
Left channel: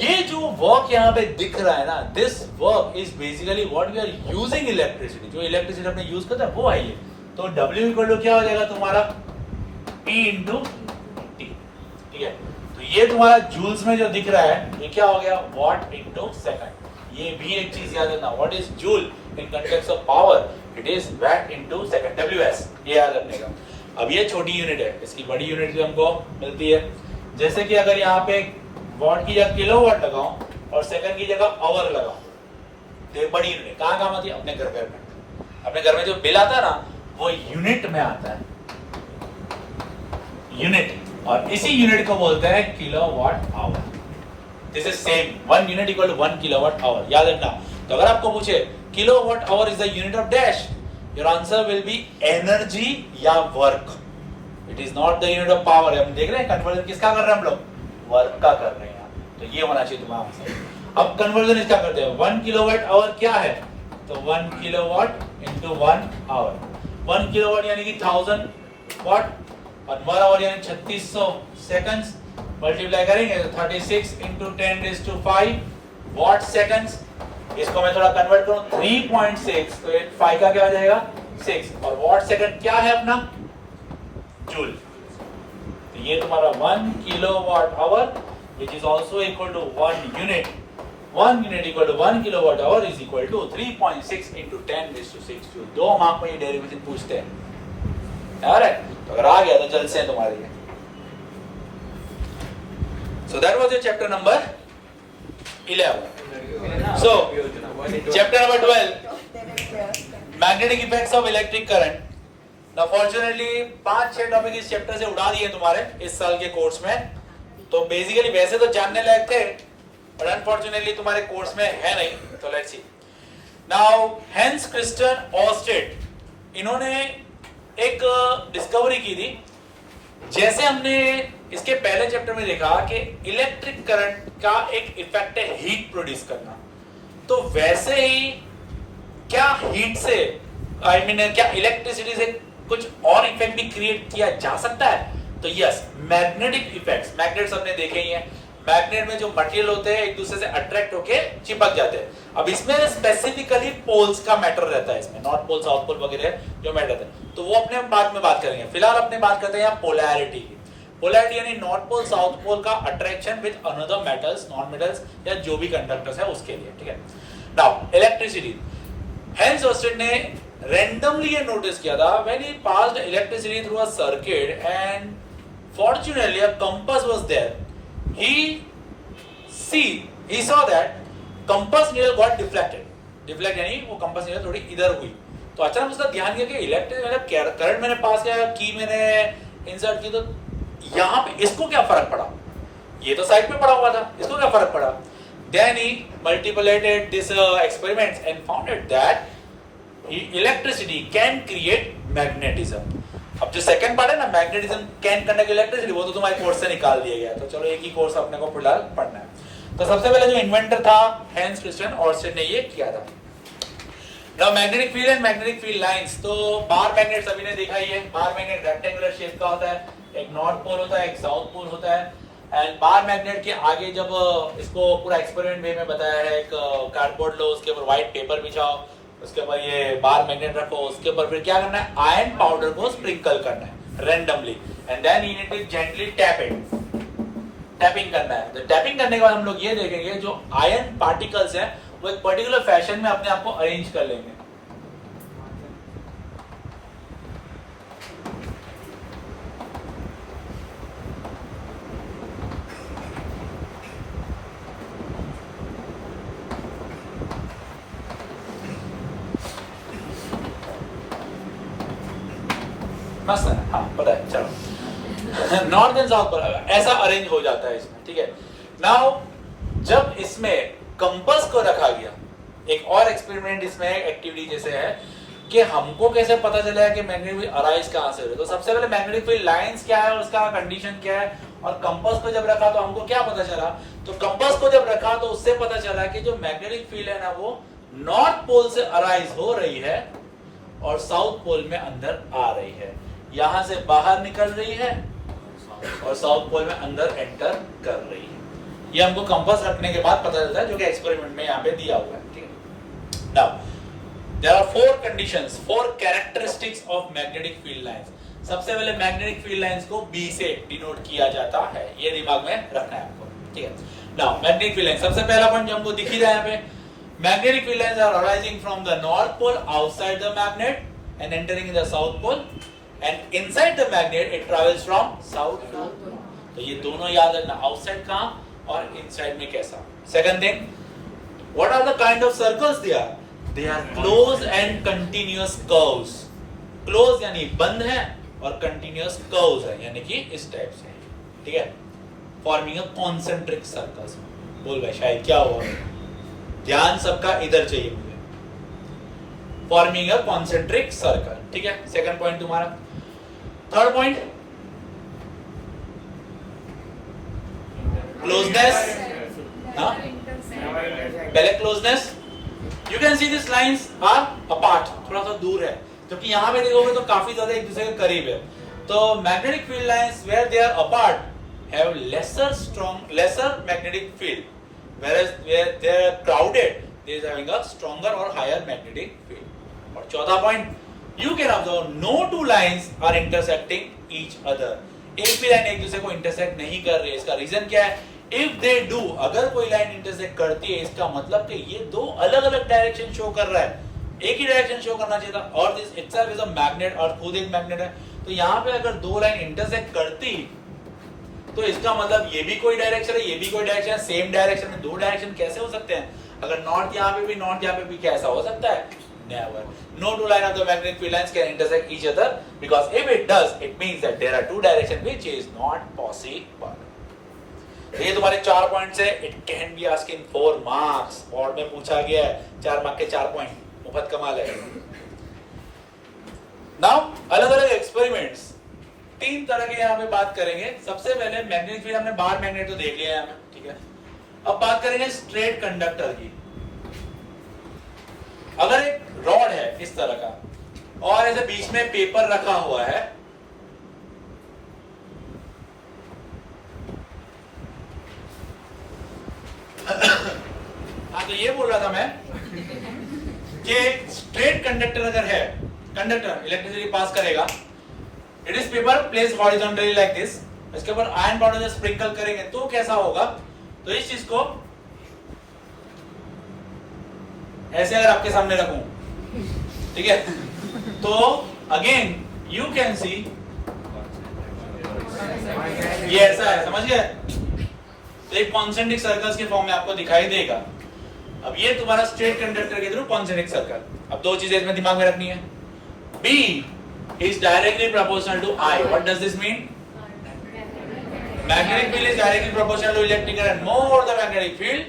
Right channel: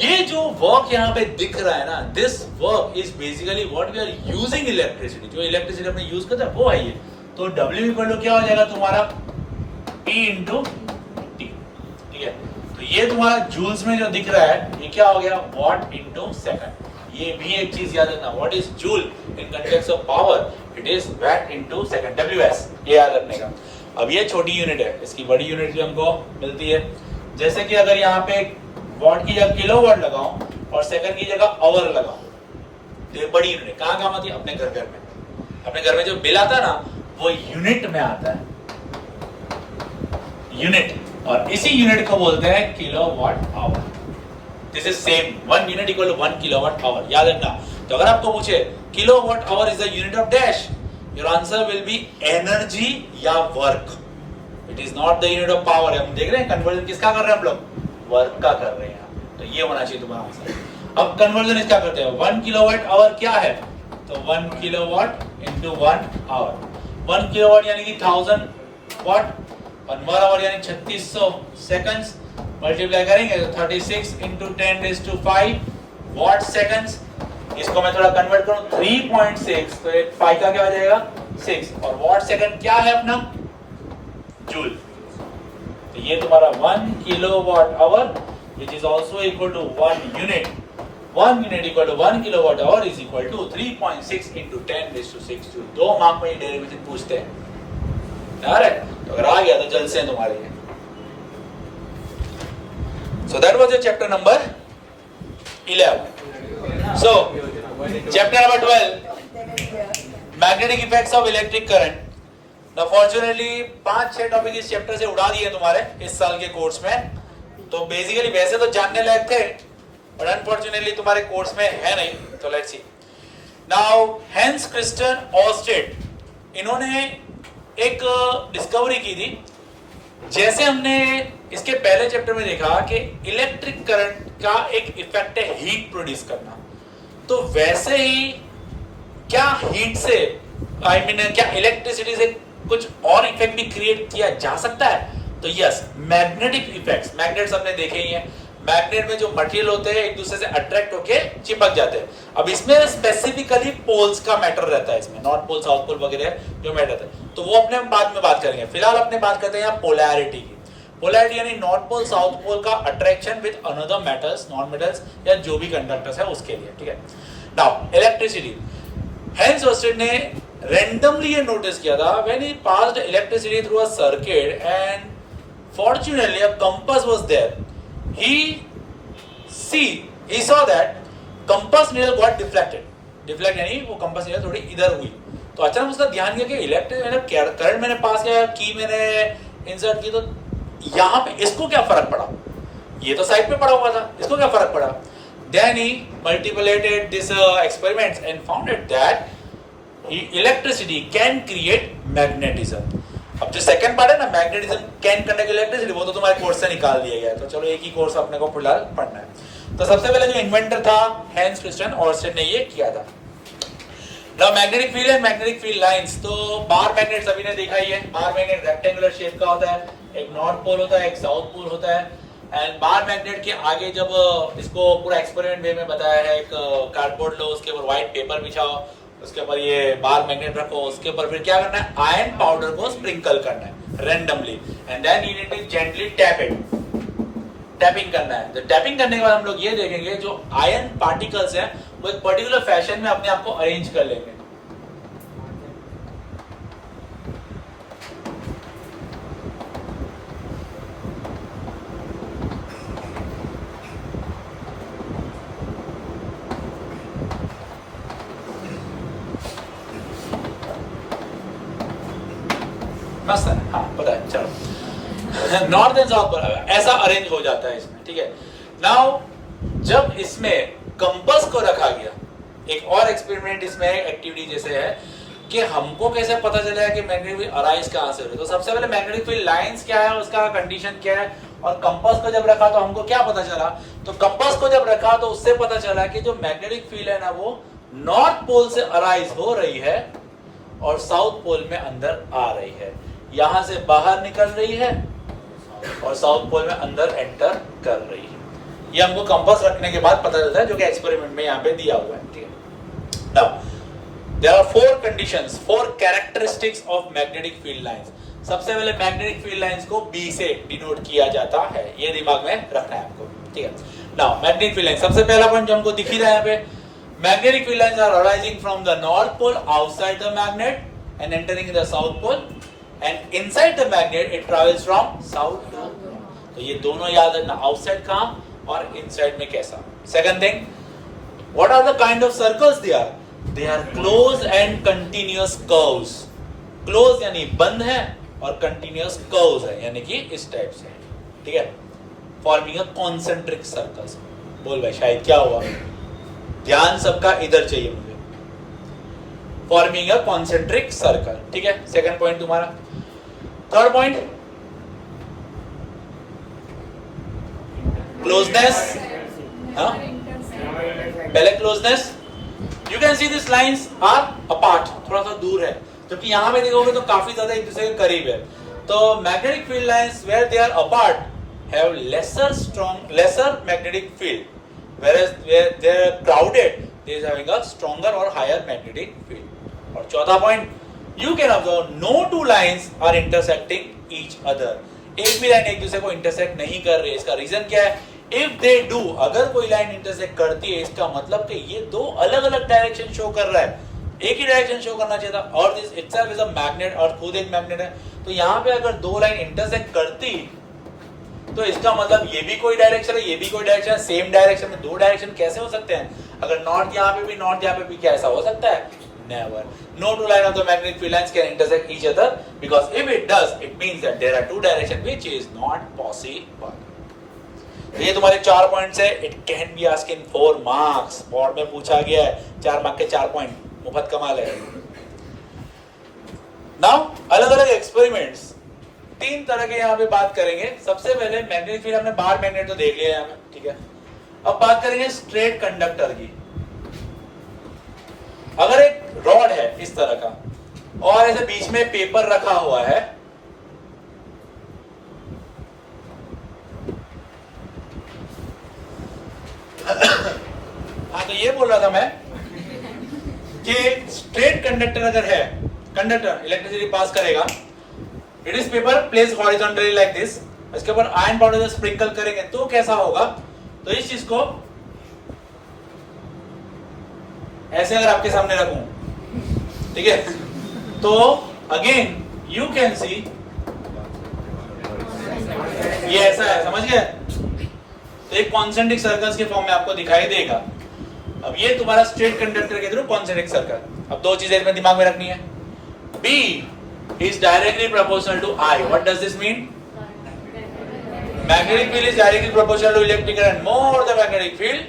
ये जो वर्क यहाँ पे दिख रहा है ना, this work is basically what we are using electricity, जो इलेक्ट्रिसिटी अपने यूज करते हैं वो है ये। तो W इक्वल टू क्या हो जाएगा तुम्हारा P इंटू T, ठीक है। तो ये तुम्हारा जूल्स में जो दिख रहा है ये क्या हो गया, वॉट इंटू सेकंड। ये भी एक चीज याद रखना, what is joule in context of power, it is watt into second, WS, ये याद रखने का। अब ये छोटी यूनिट है, इसकी बड़ी यूनिट जो हमको मिलती है, जैसे कि अगर यहाँ पे वॉट की जगह किलोवाट लगाऊं और सेकंड की जगह आवर लगाऊं, तो ये बड़ी यूनिट कहाँ काम आती है, अपने घर में। अपने घर में जो बिल आता है ना वो यूनिट में आता है, यूनिट, और इसी यूनिट को बोलते हैं kilowatt hour. This is same, 1 unit equal to 1 kilowatt hour, याद रखना। तो अगर आपको पूछे kilowatt hour is the unit of dash, your answer will be energy या work, it is not the unit of power. हम देख रहे हैं कन्वर्जन किसका कर रहे हैं हम लोग, वर्क का कर रहे हैं, तो ये होना चाहिए तुम्हारा आंसर। अब कन्वर्जन इसका करते हैं, 1 किलोवाट आवर क्या है, तो 1 किलोवाट इंटू 1 आवर। 1 किलोवाट यानी कि 1000 वाट, और 1 आवर यानी 3600 सेकंड्स, मल्टीप्लाई करेंगे तो 36 इंटू 10⁵ वाट सेकंड्स। इसको मैं थोड़ा कन्वर्ट करूं 3.6, तो एक 5 का क्या हो जाएगा 6, और वाट सेकंड क्या है अपना, जूल। तो ये तुम्हारा 1 kilowatt our which is also equal to 1 unit. 1 unit equal to 1 kilowatt hour is equal to 3.6 into 10⁶ joule. 2 mark में ये डेरिवेटिव पूछते हैं, alright? तो अगर आ गया तो जल्द से तुम्हारे लिए। So that was your chapter number 11. So chapter number 12, magnetic effects of electric current. Now fortunately 5-6 topic इस चैप्टर से उड़ा दिए तुम्हारे इस साल के कोर्स में। तो बेसिकली वैसे तो जानने लायक थे, बट अनफॉर्चुनेटली तुम्हारे कोर्स में है नहीं। तो let's see now, Hans Christian Oersted, इन्होंने एक डिस्कवरी की थी। जैसे हमने इसके पहले चैप्टर में देखा कि इलेक्ट्रिक करंट का एक इफेक्ट है हीट प्रोड्यूस करना, तो वैसे ही क्या हीट से क्या इलेक्ट्रिसिटी से कुछ और इफेक्ट भी क्रिएट किया जा सकता है? तो यस, मैग्नेटिक इफेक्ट्स, मैग्नेट्स हमने देखे ही हैं। मैग्नेट में जो मटेरियल होते हैं एक दूसरे से अट्रैक्ट होके चिपक जाते हैं। अब इसमें स्पेसिफिकली पोल्स का मैटर रहता है, इसमें नॉर्थ पोल साउथ पोल वगैरह जो मैटर रहता है, तो वो अपने बाद में बात करेंगे। फिलहाल अपने बात करते हैं यहाँ पोलैरिटी की। पोलैरिटी यानी नॉर्थ पोल साउथ पोल का attraction with another metals, non metals या जो भी कंडक्टर्स है उसके लिए, ठीक है। नाउ इलेक्ट्रिसिटी, हेंस ऑर्स्टेड ने रैंडमली ये नोटिस किया था, when he passed electricity through a circuit and fortunately a compass was there, he saw that compass needle got deflect यानी वो compass needle थोड़ी इधर हुई। तो अचानक उसका ध्यान गया कि इलेक्ट्रिक मतलब करंट मैंने पास किया, की मैंने इंसर्ट की, तो यहाँ पे इसको क्या फर्क पड़ा, ये तो साइड पे पड़ा हुआ था, इसको क्या फर्क पड़ा। then he multiplied this experiments and found it that electricity can create magnetism। अब जो सेकंड पार्ट है ना, मैग्नेटिज्म कैन कंडक्ट इलेक्ट्रिसिटी, वो तो तुम्हारे कोर्स से निकाल दिया गया है, तो चलो एक ही कोर्स अपने को फिलहाल पढ़ना है। तो सबसे पहले जो इन्वेंटर था हैंस क्रिस्टियन ऑर्स्टेड ने ये किया था। Now magnetic field and magnetic field lines, तो बार मैग्नेट सभी ने देखा ही है। बार मैग्नेट रेक्टेंगुलर शेप का होता है, एक नॉर्थ पोल होता है, एक साउथ पोल होता है। एंड बार मैग्नेट के आगे जब इसको पूरा एक्सपेरिमेंट वे में बताया है, एक कार्डबोर्ड लो, उसके ऊपर व्हाइट पेपर बिछाओ, उसके ऊपर ये बार मैग्नेट रखो, उसके ऊपर फिर क्या करना है, आयरन पाउडर को स्प्रिंकल करना है randomly, and then you need to gently tap it, tapping करना है। तो टैपिंग करने के बाद हम लोग ये देखेंगे जो आयरन पार्टिकल्स हैं वो एक पर्टिकुलर फैशन में अपने आप को अरेंज कर लेंगे। मस्त है, हाँ पता है, चलो नॉर्थ एंड साउथ पर ऐसा अरेंज हो जाता है इसमें, ठीक है। नाउ जब इसमें कंपास को रखा गया, एक और एक्सपेरिमेंट इसमें एक्टिविटी जैसे है कि हमको कैसे पता चला कि मैग्नेटिक फील्ड अराइज कहां से हो रही है। तो सबसे पहले मैग्नेटिक फील्ड लाइंस क्या है, उसका कंडीशन क्या है, और कंपास को जब रखा तो हमको क्या पता चला, तो कंपास को जब रखा तो उससे पता चला कि जो मैग्नेटिक फील्ड है ना वो नॉर्थ पोल से अराइज हो रही है और साउथ पोल में अंदर आ रही है, यहां से बाहर निकल रही है और साउथ पोल में अंदर एंटर कर रही है। ये हमको कंपास रखने के बाद पता चलता है, जो कि एक्सपेरिमेंट में यहाँ पे दिया हुआ है, ठीक है। Now there are 4 conditions, 4 characteristics of magnetic field lines. सबसे पहले मैग्नेटिक फील्ड लाइंस को बी से डिनोट किया जाता है, ये दिमाग में रखना है आपको, ठीक है। नाउ मैग्नेटिक फील्ड लाइन, सबसे पहला पॉइंट जो हमको दिख ही रहा है यहाँ पे, magnetic field lines are arising from the north pole outside the magnet and entering in the south pole and inside the magnet it travels from south to. तो ये दोनों याद रखना, आउटसाइड कहां और इनसाइड में कैसा। Second thing, what are the kind of circles they are? They are close and continuous curves. Close यानी बंद है और कंटीन्यूअस कर्व्स है, यानी कि इस टाइप से, ठीक है। Forming a concentric circles. बोल भाई शायद क्या हुआ, ध्यान सबका इधर चाहिए मुझे। फॉर्मिंग अ कॉन्सेंट्रिक सर्कल, ठीक है। सेकंड पॉइंट तुम्हारा। Third point, closeness. हाँ, पहले closeness, you can see this lines are apart, थोड़ा सा दूर है, क्योंकि यहां पे देखोगे तो काफी ज्यादा एक दूसरे के करीब है। तो magnetic field lines where they are apart have lesser magnetic field, whereas where they are crowded they is having a stronger or higher magnetic field. और चौथा point, you can observe no two lines are intersecting each other. एक भी line एक दूसरे को intersect नहीं कर रही है। इसका रीजन क्या है? If they do, अगर कोई लाइन इंटरसेक्ट करती है, इसका मतलब कि ये दो अलग अलग डायरेक्शन शो कर रहा है, एक ही डायरेक्शन शो करना चाहिए था। और this itself is a magnet, और खुद एक मैग्नेट है। तो यहाँ पे अगर दो लाइन इंटरसेक्ट करती तो इसका मतलब ये भी कोई डायरेक्शन है, ये भी कोई डायरेक्शन है, सेम डायरेक्शन में दो डायरेक्शन कैसे हो सकते हैं? अगर नॉर्थ यहाँ पे भी, नॉर्थ यहाँ पे भी, क्या ऐसा हो सकता है? Never. No two line of the magnetic field lines can intersect each other, because if it does it means that there are two direction which is not possible. ये तुम्हारे 4 पॉइंट्स है। It can be asked in 4 marks. Board में पूछा गया है 4 mark के 4 point, मुफ्त कमाल है। नाउ अलग अलग एक्सपेरिमेंट्स, 3 तरह के यहाँ पे बात करेंगे। सबसे पहले मैग्नेटिक फील्ड, हमने बाहर मैग्नेट तो देख लिया है, ठीक है। अब बात करेंगे स्ट्रेट कंडक्टर की। अगर एक रॉड है इस तरह का और ऐसे बीच में पेपर रखा हुआ है, हाँ, तो ये बोल रहा था मैं कि स्ट्रेट कंडक्टर अगर है, कंडक्टर इलेक्ट्रिसिटी पास करेगा, it is paper place horizontally like this, इसके ऊपर आयरन पाउडर से स्प्रिंकल करेंगे तो कैसा होगा? तो इस चीज को ऐसे अगर आपके सामने रखूं, ठीक है, तो अगेन यू कैन सी ये ऐसा है, समझ गए? तो एक कॉन्सेंट्रिक सर्कल्स के फॉर्म में आपको दिखाई देगा। अब ये तुम्हारा स्ट्रेट कंडक्टर के थ्रू कॉन्सेंट्रिक सर्कल। अब 2 चीजें इसमें दिमाग में रखनी है। B is directly proportional to I. What does this mean? Magnetic field is directly proportional to electric current. More the magnetic field,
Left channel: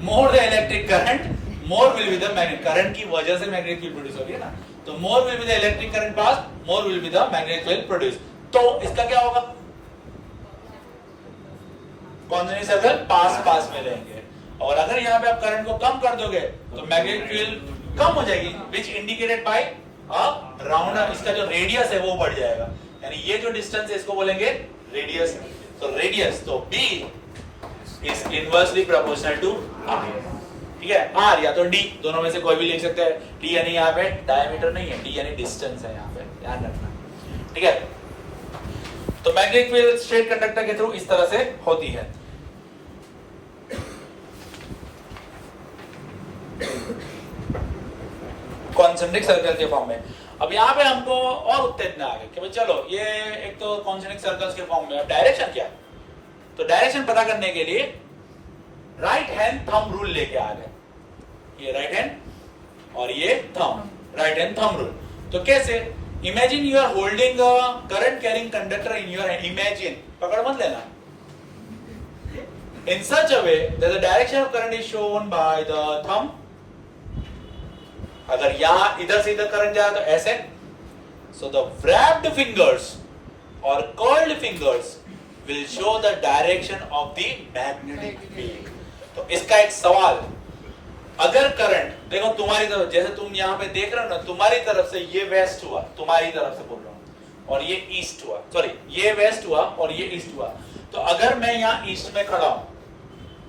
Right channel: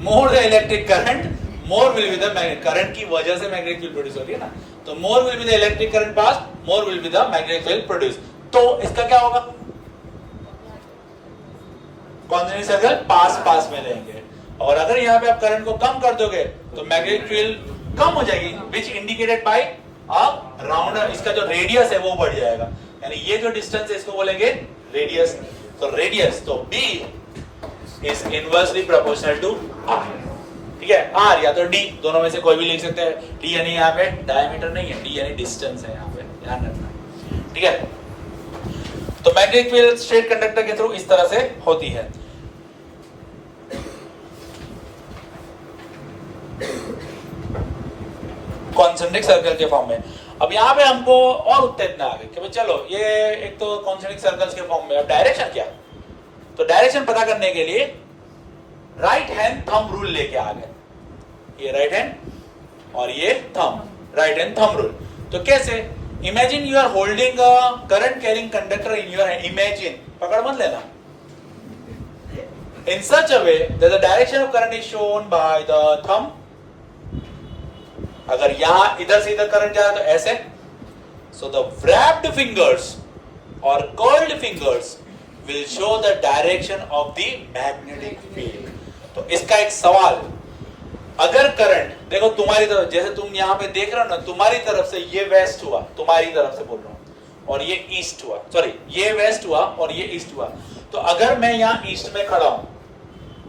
more the electric current, more will be the magnetic current की वजह से magnetic field produce होगी ना। तो more will be the electric current pass, more will be the magnetic field produce. तो इसका क्या होगा? कॉन्सेंट्रिक सर्कल पास में रहेंगे, और अगर यहाँ पे आप करंट को कम कर दोगे तो मैग्नेटिक फील्ड कम हो जाएगी, विच इंडिकेटेड बाय राउंडर। इसका जो रेडियस है वो बढ़ जाएगा, यानी ये जो डिस्टेंस है इसको बोलेंगे रेडियस। तो रेडियस, तो B is inversely proportional to R, ठीक है। R या तो D, दोनों में से कोई भी लिख सकते हैं। D यानी यहाँ पे डायमीटर नहीं है, D यानी डिस्टेंस है, यहाँ पे ध्यान रखना, ठीक है। तो मैग्नेटिक फील्ड स्ट्रेट कंडक्टर के थ्रू इस तरह से होती है। कॉन्सेंट्रिक सर्कल के फॉर्म में। अब यहाँ पे हमको और उत्तेजना आ गई कि चलो ये एक तो कॉन्सेंट्रिक सर्कल्स के फॉर्म में, डायरेक्शन क्या? तो डायरेक्शन पता करने के लिए राइट हैंड थंब रूल लेके आ गए। ये राइट हैंड और ये thumb, right hand thumb rule. तो कैसे? Imagine you are holding a current carrying conductor in your hand. Imagine, पकड़ मत लेना। In such a way that the direction of current is shown by the thumb. अगर यहां इधर से इधर करंट जा रहा है तो ऐसे, so the wrapped fingers or curled fingers will show the direction of the magnetic field. तो इसका एक सवाल, अगर करंट देखो तुम्हारी तरफ, जैसे तुम यहाँ पे देख रहे हो ना, तुम्हारी तरफ से ये वेस्ट हुआ, तुम्हारी तरफ से बोल रहा हूं, और ये ईस्ट हुआ, सॉरी ये वेस्ट हुआ और ये ईस्ट हुआ। तो अगर मैं यहाँ ईस्ट में खड़ा हूं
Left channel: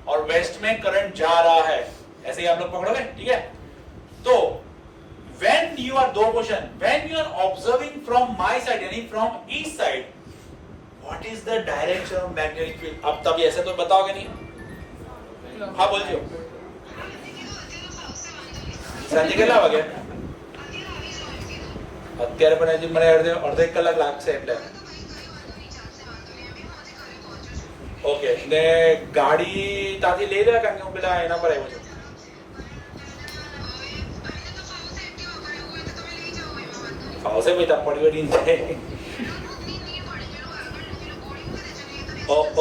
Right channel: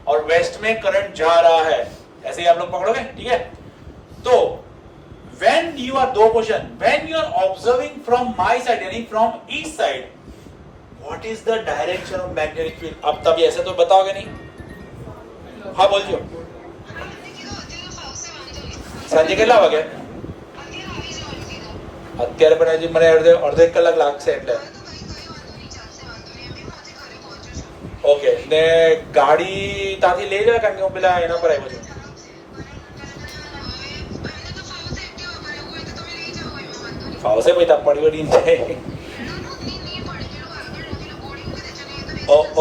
और वेस्ट में करंट जा रहा है, ऐसे ही आप लोग पकड़ोगे, ठीक है। तो when you are, दो question, when you are observing from my side यानी from east side, what is the direction of magnetic field? अब तब ऐसे तो बताओगे नहीं, हाँ बोलिए। સાંજે કેટલા વાગે? અત્યારે પણ હજી મને અડધો એક કલાક લાગશે એટલે ઓકે ને ગાડી ત્યાંથી લઈ જાય કારણ કે હું પેલા એના પર આવ્યો છું ફાવશે ભાઈ તાપ પડી વળી જાય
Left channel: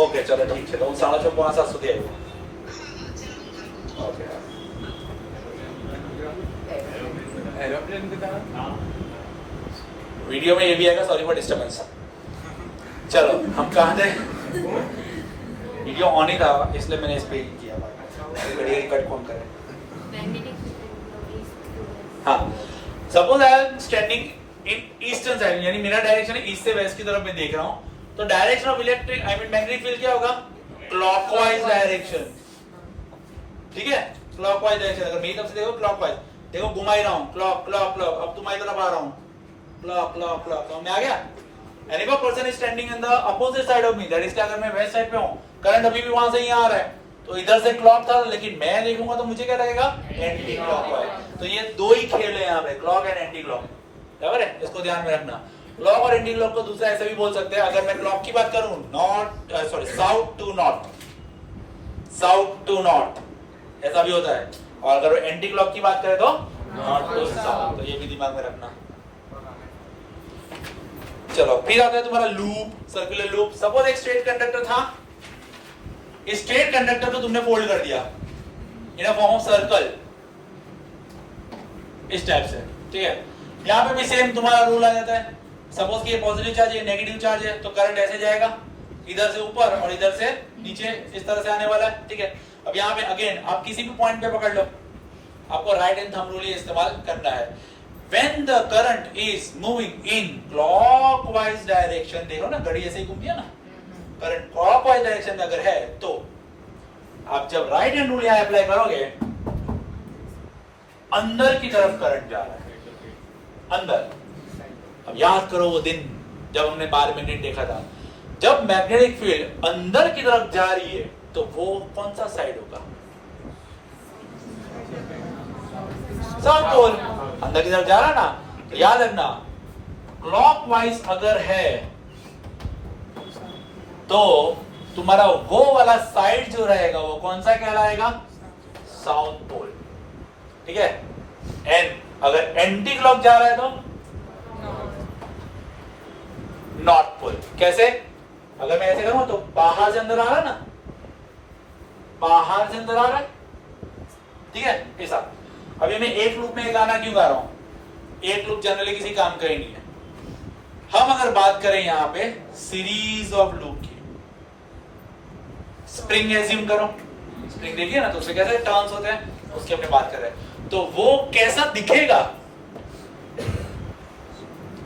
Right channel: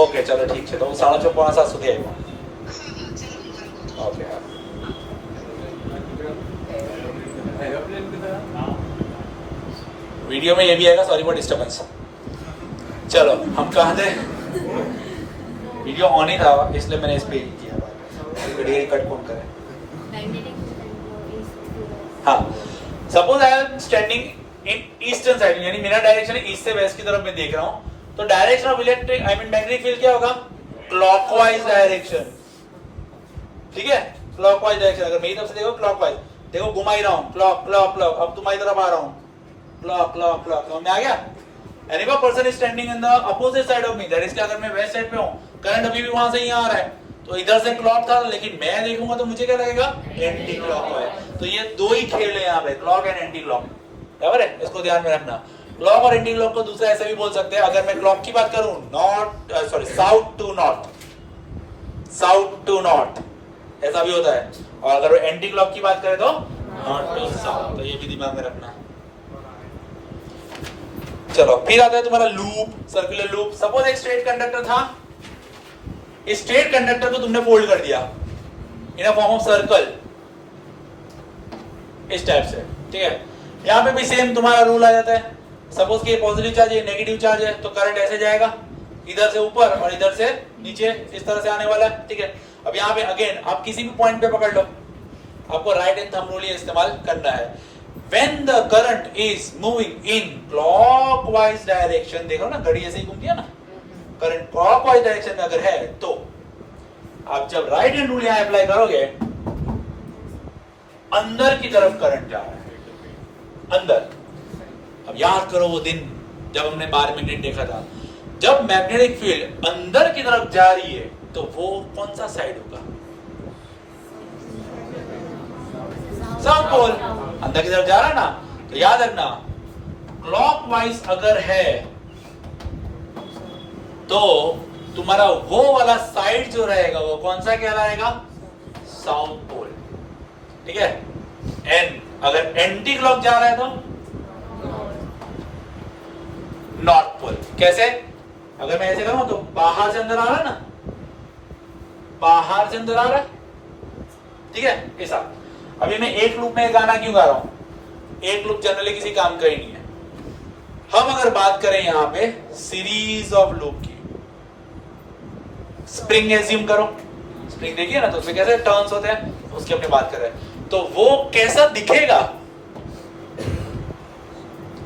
ઓકે ચલો ઠીક છે તો હું 6:30 પોણા 7 સુધી આવ્યો ओके वीडियो में ये भी आएगा, सॉरी फॉर डिस्टर्बेंस। चलो हम कहाँ थे? वीडियो ऑन ही था इसलिए मैंने इस पे किया घड़ी कट कौन करे। हाँ suppose I am standing in eastern side यानी मेरा डायरेक्शन ईस्ट से वेस्ट की तरफ मैं देख रहा हूँ तो direction of electric I mean magnetic field क्या होगा? क्लॉकवाइज डायरेक्शन, ठीक है। क्लॉकवाइज डायरेक्शन अगर मेरी तरफ से देखो क्लॉकवाइज, देखो घुमा ही रहा हूँ क्लॉक क्लॉक क्लॉक, अब तुम्हारी तरफ आ रहा हूँ क्लॉक क्लॉक क्लॉक, समझ में आ गया? And if a person is standing in the opposite side of me, that is अगर मैं वेस्ट साइड पे हूँ, करंट अभी भी वहां से ही आ रहा है तो इधर से क्लॉक था लेकिन मैं देखूंगा तो मुझे क्या लगेगा? Anti clockwise. तो ये दो ही खेल है यहाँ पे, क्लॉक एंड एंटी क्लॉक, बराबर है, इसको ध्यान में रखना। क्लॉक और एंटी क्लॉक को दूसरा ऐसे भी बोल सकते हैं, अगर मैं क्लॉक की बात करूं north sorry south to north, south to north ऐसा भी होता है, और अगर एंटी क्लॉक की बात करें तो नॉर्थ टू साउथ, तो ये भी दिमाग में रखना। चलो फिर आता है तुम्हारा लूप, सर्कुलर लूप। सपोज एक स्ट्रेट कंडक्टर था, इस स्ट्रेट कंडक्टर को तुमने फोल्ड कर दिया इन फॉर्म ऑफ सर्कल इस टाइप से, ठीक है। यहाँ पे भी सेम तुम्हारा रूल आ जाता है। सपोज कि पॉजिटिव चार्ज है, नेगेटिव चार्ज है, तो करंट ऐसे जाएगा इधर से ऊपर और इधर से नीचे, इस तरह से आने वाला है, ठीक है। अब यहाँ पे अगेन आप किसी भी पॉइंट पे पकड़ लो, आपको राइट हैंड थंब रूल इस्तेमाल करना है। When the current is moving in clockwise direction, देखो ना घड़ी ऐसे ही घूमती है ना, करंट क्लॉकवाइज डायरेक्शन में अगर है तो आप जब राइट हैंड रूल यहाँ अप्लाई करोगे, अंदर की तरफ करंट जा रहा है, अंदर। अब याद करो वो दिन जब हमने 12 मिनट देखा था, जब मैग्नेटिक फील्ड अंदर की तरफ जा रही है तो वो कौन सा साइड होगा? साउथ पोल, अंदर की तरफ जा रहा ना, तो याद रखना क्लॉकवाइज अगर है तो तुम्हारा वो वाला साइड जो रहेगा वो कौन सा कहलाएगा? साउथ पोल, ठीक है। एंड अगर एंटी क्लॉक जा रहा है तो नॉर्थ पोल। कैसे? अगर मैं ऐसे करूं तो बाहर से अंदर आ रहा है ना, बाहर से अंदर आ रहा है, ठीक है, ऐसा। अभी मैं एक लूप में गाना क्यों गा रहा हूं? एक लूप जनरली किसी काम का ही नहीं है। हम अगर बात करें यहां पे सीरीज ऑफ लूप की, स्प्रिंग एज्यूम करो, स्प्रिंग देखिए ना तो उसमें कैसे टर्न्स होते हैं, उसकी अपने बात कर रहे हैं, तो वो कैसा दिखेगा?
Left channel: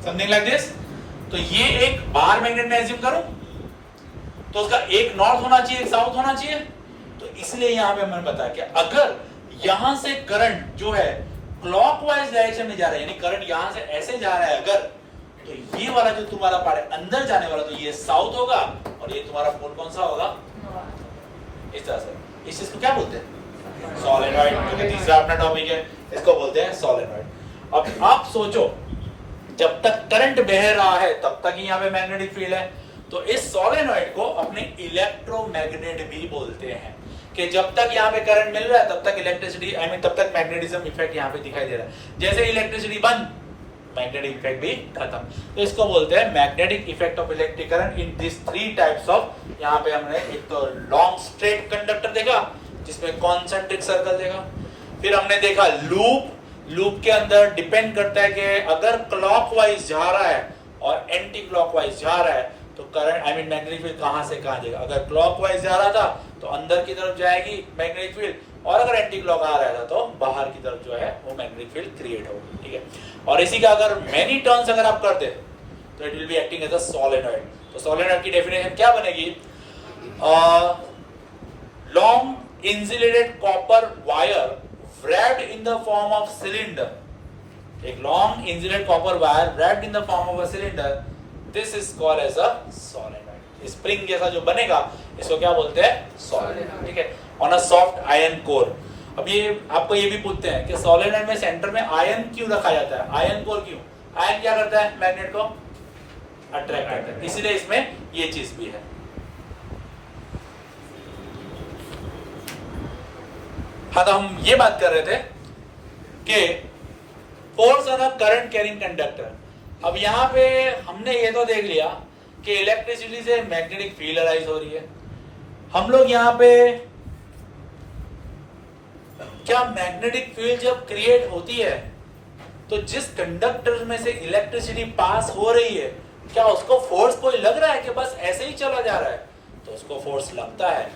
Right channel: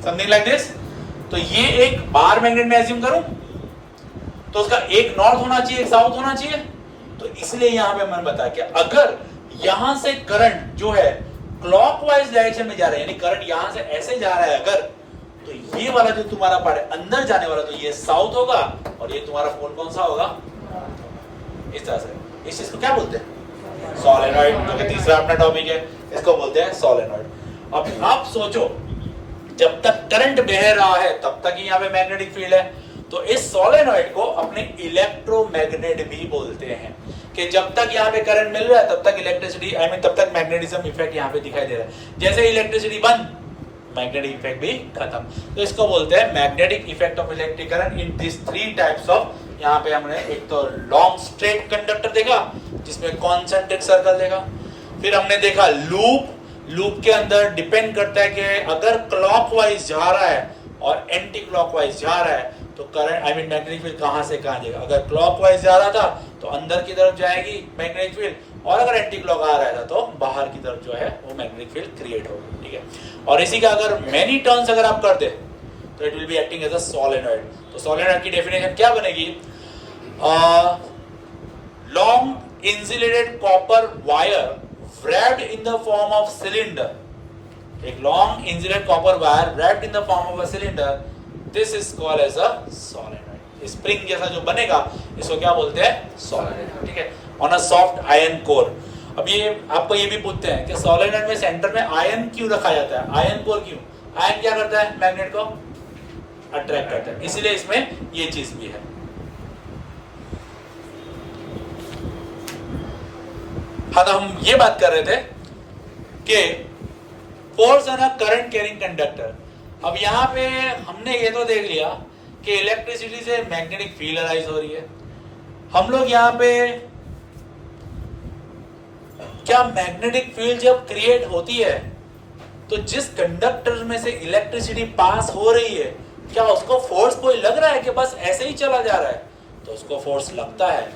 Something like this. तो ये एक बार मैग्नेट में एज्यूम करूं तो उसका एक नॉर्थ होना चाहिए, एक साउथ होना चाहिए। तो इसलिए यहां पे मैंने बताया कि अगर यहां से करंट जो है क्लॉकवाइज डायरेक्शन में जा रहा है, यानी करंट यहां से ऐसे जा रहा है अगर, तो ये वाला जो तुम्हारा पार्ट है अंदर जाने वाला, तो ये साउथ होगा और ये तुम्हारा पोल कौन सा होगा? इस तरह से। इस चीज को क्या बोलते हैं? सोलेनॉइड। तो तीसरा अपना टॉपिक है, इसको बोलते हैं सोलेनॉइड। अब आप सोचो, जब तक करंट बह रहा है तब तक ही यहाँ पे मैग्नेटिक फील्ड है, तो इस सोलेनॉइड को अपने इलेक्ट्रोमैग्नेट भी बोलते हैं, कि जब तक यहाँ पे करंट मिल रहा है तब तक इलेक्ट्रिसिटी आई मीन तब तक मैग्नेटिज्म इफेक्ट यहाँ पे दिखाई दे रहा है। जैसे इलेक्ट्रिसिटी बंद, मैग्नेटिक इफेक्ट भी खत्म। तो इसको बोलते हैं magnetic effect of electric current in this 3 types of. यहाँ पे हमने एक तो लॉन्ग स्ट्रेट कंडक्टर देखा जिसमें कॉन्सेंट्रिक सर्कल देखा, फिर हमने देखा लूप। लूप के अंदर डिपेंड करता है कि अगर क्लॉकवाइज जा रहा है और एंटी क्लॉकवाइज जा रहा है तो current I mean magnetic field कहां से कहां जाएगा। अगर क्लॉकवाइज जा रहा था तो अंदर की तरफ जाएगी मैग्नेटिक फील्ड, और अगर एंटी क्लॉक आ रहा था तो बाहर की तरफ जो है वो मैग्नेटिक फील्ड क्रिएट होगी, ठीक है। और इसी का अगर मेनी टर्न्स अगर आप कर दे तो it will be acting as a solenoid. तो सोलेनॉइड की डेफिनेशन क्या बनेगी? Long insulated copper wire wrapped in the form of cylinder, एक long insulated copper wire wrapped in the form of a cylinder, this is called as a solenoid। Spring जैसा जो बनेगा इसको क्या बोलते हैं? solenoid। ठीक है, on a soft iron core। अब ये आपको ये भी पूछते हैं कि solenoid में सेंटर में आयन क्यों रखा जाता है? आयन कोर क्यों? आयन क्या करता है? मैग्नेट को अट्रैक्ट करता है, इसीलिए इसमें ये चीज भी है। हाँ, तो हम ये बात कर रहे थे कि force on a current carrying conductor. अब यहाँ पे हमने ये तो देख लिया कि इलेक्ट्रिसिटी से मैग्नेटिक फील्ड अराइज हो रही है। हम लोग यहाँ पे क्या मैग्नेटिक फील्ड जब क्रिएट होती है तो जिस कंडक्टर में से इलेक्ट्रिसिटी पास हो रही है, क्या उसको फोर्स कोई लग रहा है कि बस ऐसे ही चला जा रहा है? तो उसको फोर्स लगता है।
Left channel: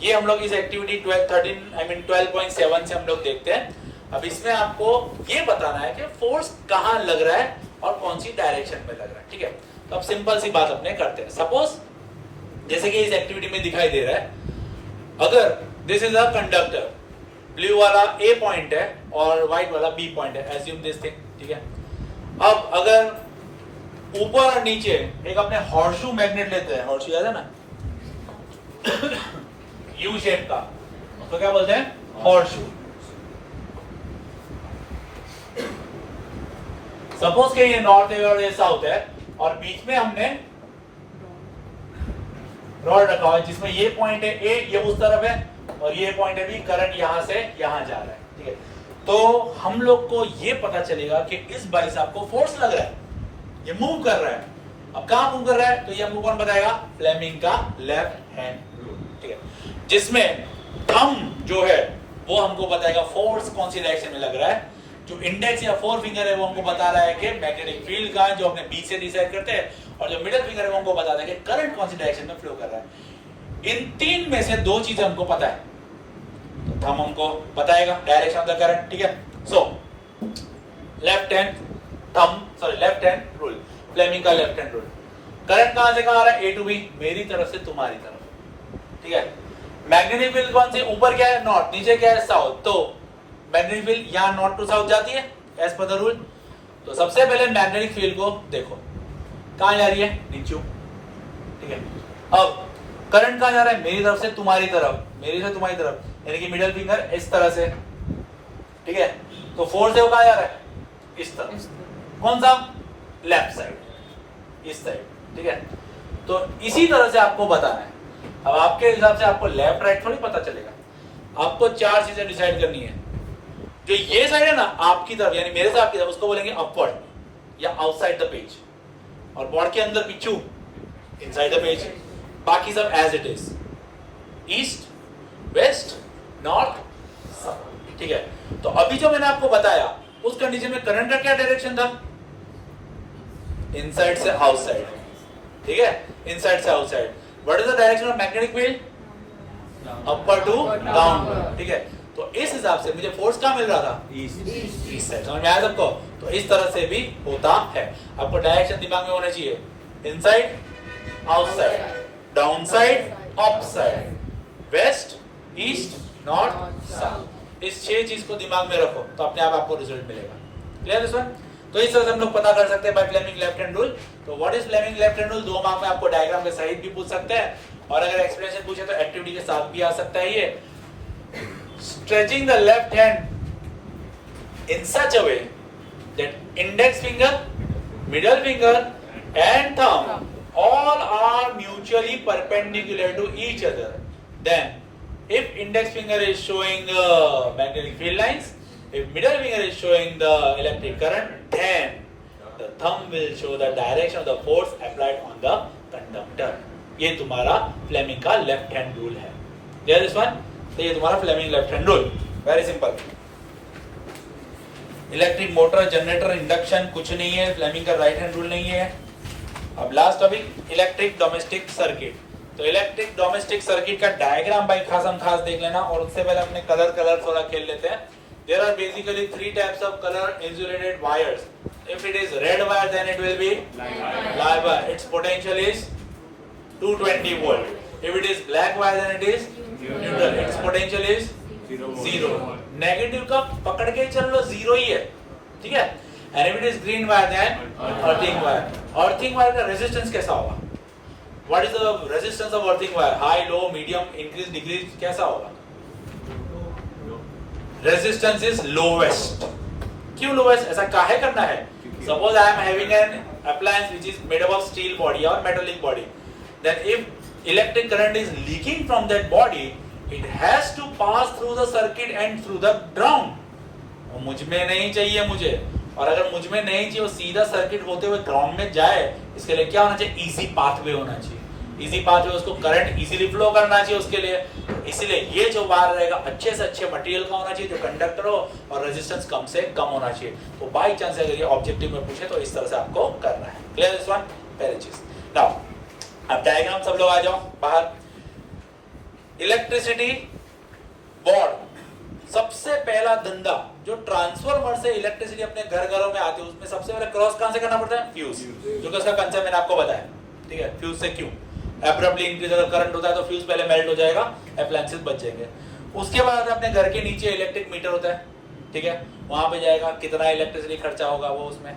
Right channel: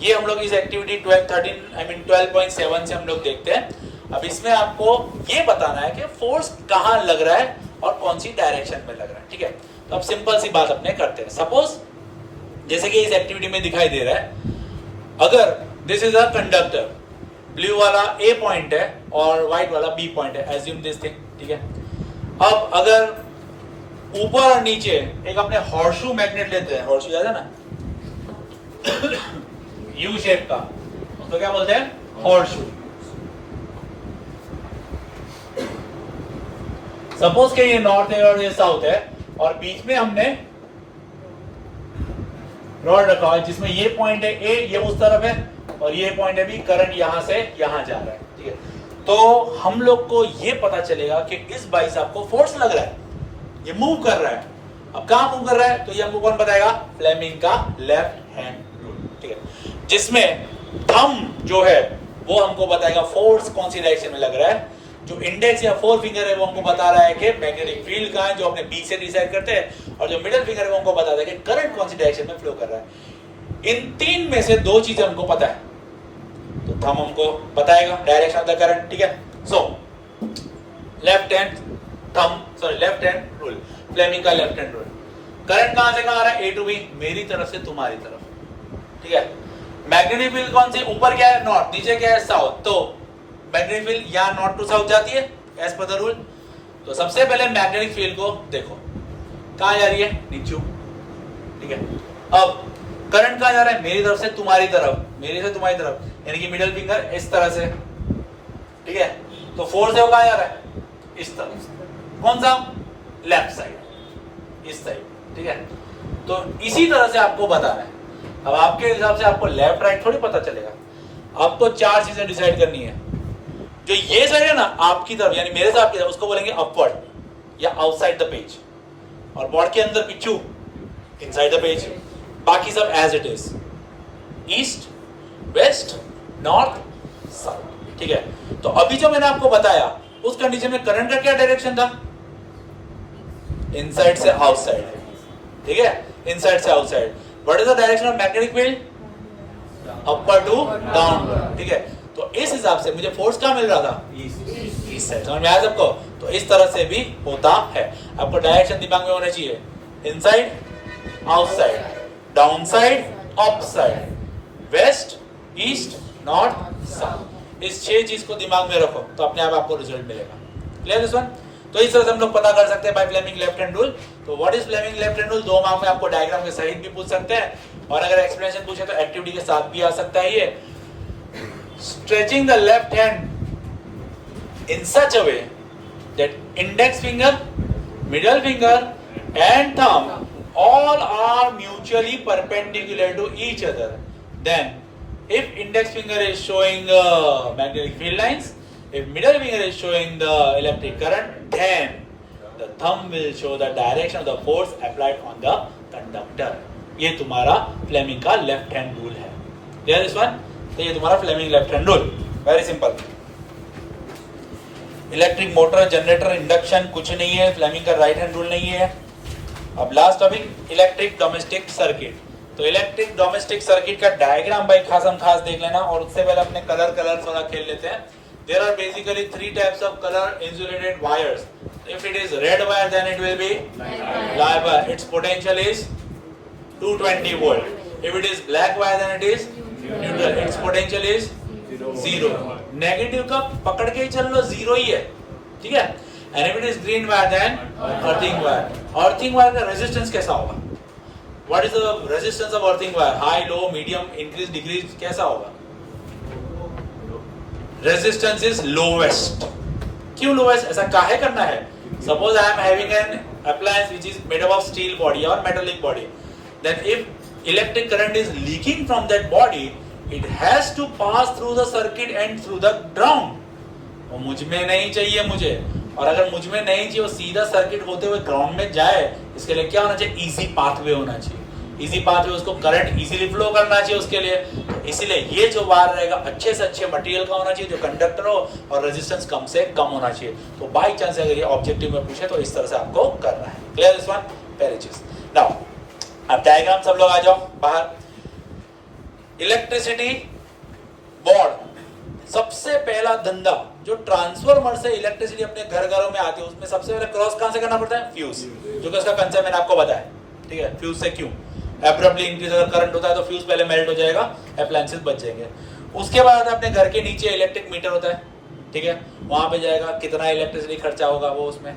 ये हम लोग इस एक्टिविटी 12.7 से हम लोग देखते हैं। अब इसमें आपको ये बताना है कि फोर्स कहाँ लग रहा है और कौन सी डायरेक्शन में लग रहा है। ठीक है, तो अब सिंपल सी बात अपने करते हैं। सपोज जैसे कि इस एक्टिविटी में दिखाई दे रहा है, अगर this is a conductor, blue वाला ए पॉइंट है और व्हाइट वाला बी पॉइंट है, एज्यूम दिस थिंग। ठीक है, अब अगर ऊपर और नीचे एक अपने हॉर्सशू मैग्नेट लेते हैं, हॉर्सशू याद है ना, यू शेप का, उसको क्या बोलते हैं? हॉर्सशू। सपोज के ये नॉर्थ है और ये साउथ है और बीच में हमने रॉड रखा है जिसमें ये पॉइंट है ए, ये उस तरफ है और ये पॉइंट है बी, करंट यहां से यहां जा रहा है। ठीक है, तो हम लोग को ये पता चलेगा कि इस बाइसेप को फोर्स लग रहा है, ये मूव कर रहा है। अब कहां मूव कर रहा है? तो ये हमको कौन बताएगा? फ्लेमिंग का लेफ्ट हैंड रूल। ठीक है, जिसमें थंब जो है वो हमको बताएगा फोर्स कौन सी डायरेक्शन में लग रहा है। जो इंडेक्स या फोर फिंगर है वो हमको बता रहा है कि मैग्नेटिक फील्ड कहां है, जो अपने बी से डिसाइड करते हैं, और जो मिडिल फिंगर है वो हमको बताता है कि करंट कौन सी डायरेक्शन में फ्लो कर रहा है। इन तीन में से दो चीजें हमको पता है, तो थंब हमको बताएगा डायरेक्शन ऑफ द करंट। ठीक है, so left hand thumb, sorry left hand rule, Fleming का लेफ्ट हैंड रूल। करंट कहां से कहां आ रहा है? ए टू बी, मेरी तरफ से तुम्हारी तरफ। ठीक है, मैग्नेटिक फील्ड कौन सी? ऊपर क्या है? नॉर्थ, नीचे क्या है? साउथ। तो मैग्नेटिक फील्ड यहां नॉर्थ टू साउथ जाती है एज पर द रूल। तो सबसे पहले मैग्नेटिक फील्ड को देखो कहां जा रही है? नीचे। ठीक है, अब करंट कहां जा रहा है? मेरी तरफ से तुम्हारी तरफ, मेरी से तुम्हारी तरफ, यानी कि मिडिल फिंगर इस तरह से। ठीक है, तो फोर्स है वो कहां जा रहा है? इस तरफ। कौन सा? लेफ्ट साइड, इस साइड। ठीक है, तो इसी तरह से आपको बताना है। अब आपके हिसाब से आपको लेफ्ट राइट थोड़ी पता चलेगा, आपको चार चीजें डिसाइड करनी है। जो ये साइड है ना आपकी तरफ, यानी मेरे से आपकी तरफ, उसको बोलेंगे अपवर्ड या आउटसाइड द पेज, और बोर्ड के अंदर पिछू इनसाइड द पेज। बाकी सब as it is, east, west, north, south. ठीक है, तो अभी जो मैंने आपको बताया उस कंडीशन में करंट का क्या डायरेक्शन था? इनसाइड से आउटसाइड। ठीक है, इनसाइड से outside. What is the direction of magnetic field? Upper two downward. ठीक है, तो इस हिसाब से मुझे फोर्स कहां मिल रहा था? East side. समझ में आया सबको? तो इस तरह से भी होता है। आपको डायरेक्शन दिमाग में होना चाहिए, inside, outside, down side, up side, west, east, north, south. इस 6 चीज को दिमाग में रखो तो अपने आप आपको रिजल्ट मिलेगा। Clear this one? तो इस तरह से हम लोग पता कर सकते हैं by Fleming left hand rule. तो what is Fleming left hand rule? 2 mark में आपको डायग्राम के सहित भी पूछ सकते हैं, और अगर एक्सप्लेनेशन पूछे तो एक्टिविटी के साथ भी आ सकता है। ये stretching the left hand in such a way that index finger, middle finger and thumb all are mutually perpendicular to each other. Then if index finger is showing magnetic field lines, if middle finger is showing the electric current, then the thumb will show the direction of the force applied on the conductor. ये तुम्हारा Fleming का left hand rule है। Clear this one? तो ये तुम्हारा Fleming left hand rule, very simple. Electric motor, generator, induction कुछ नहीं है, फ्लेमिंग का राइट हैंड रूल नहीं है। अब last topic, electric domestic circuit. तो इलेक्ट्रिक डोमेस्टिक सर्किट का डायग्राम भाई खास देख लेना, और उससे पहले अपने कलर थोड़ा खेल लेते हैं। There are basically 3 types of colour insulated wires. If it is red wire, then it will be live wire. Its potential is 220 volt. If it is black wire, then it is neutral. Its potential is 0. Negative का पकड़ के चल लो 0 ही है, ठीक है. And if it is green wire, then earthing wire. Earthing wire का resistance कैसा होगा? What is the resistance of earthing wire? High, low, medium, increase, decrease, कैसा होगा? Resistance is lowest. क्यों lowest? ऐसा काहे करना है? Suppose I am having an appliance which is made up of steel body or metallic body. Then if electric current is leaking from that body, it has to pass through the circuit and through the ground. और मुझ में नहीं चाहिए मुझे, और अगर मुझ में नहीं चाहिए वो सीधा सर्किट होते हुए ग्राउंड में जाए, इसके लिए क्या होना चाहिए? इजी पाथवे होना चाहिए. इजी पाथवे, उसको करंट इजीली फ्लो करना चाहिए उसके लिए. इसीलिए ये जो वायर रहेगा अच्छे से अच्छे मटेरियल का होना चाहिए, जो कंडक्टर हो, और रेजिस्टेंस कम से कम होना चाहिए. तो बाई चांस अगर ये ऑब्जेक्टिव में पूछे तो इस तरह से आपको करना है. Clear this one? पहली चीज. नाउ अब डायग्राम सब लोग आ जाओ बाहर. इलेक्ट्रिसिटी बोर्ड, सबसे पहला धंधा जो ट्रांसफार्मर से इलेक्ट्रिसिटी अपने घरों में आती है, उसमें सबसे पहले क्रॉस कहां से करना पड़ता है? फ्यूज. जो कि उसका कंसेप्ट मैंने आपको बताया, ठीक है. फ्यूज से क्यों एब्रप्टली इंक्रीज अगर करंट होता है तो फ्यूज पहले मेल्ट हो जाएगा, अप्लायंसेस बच जाएंगे. उसके बाद अपने घर के नीचे इलेक्ट्रिक मीटर होता है, ठीक है. वहां पे जाएगा कितना इलेक्ट्रिसिटी खर्चा होगा वो उसमें.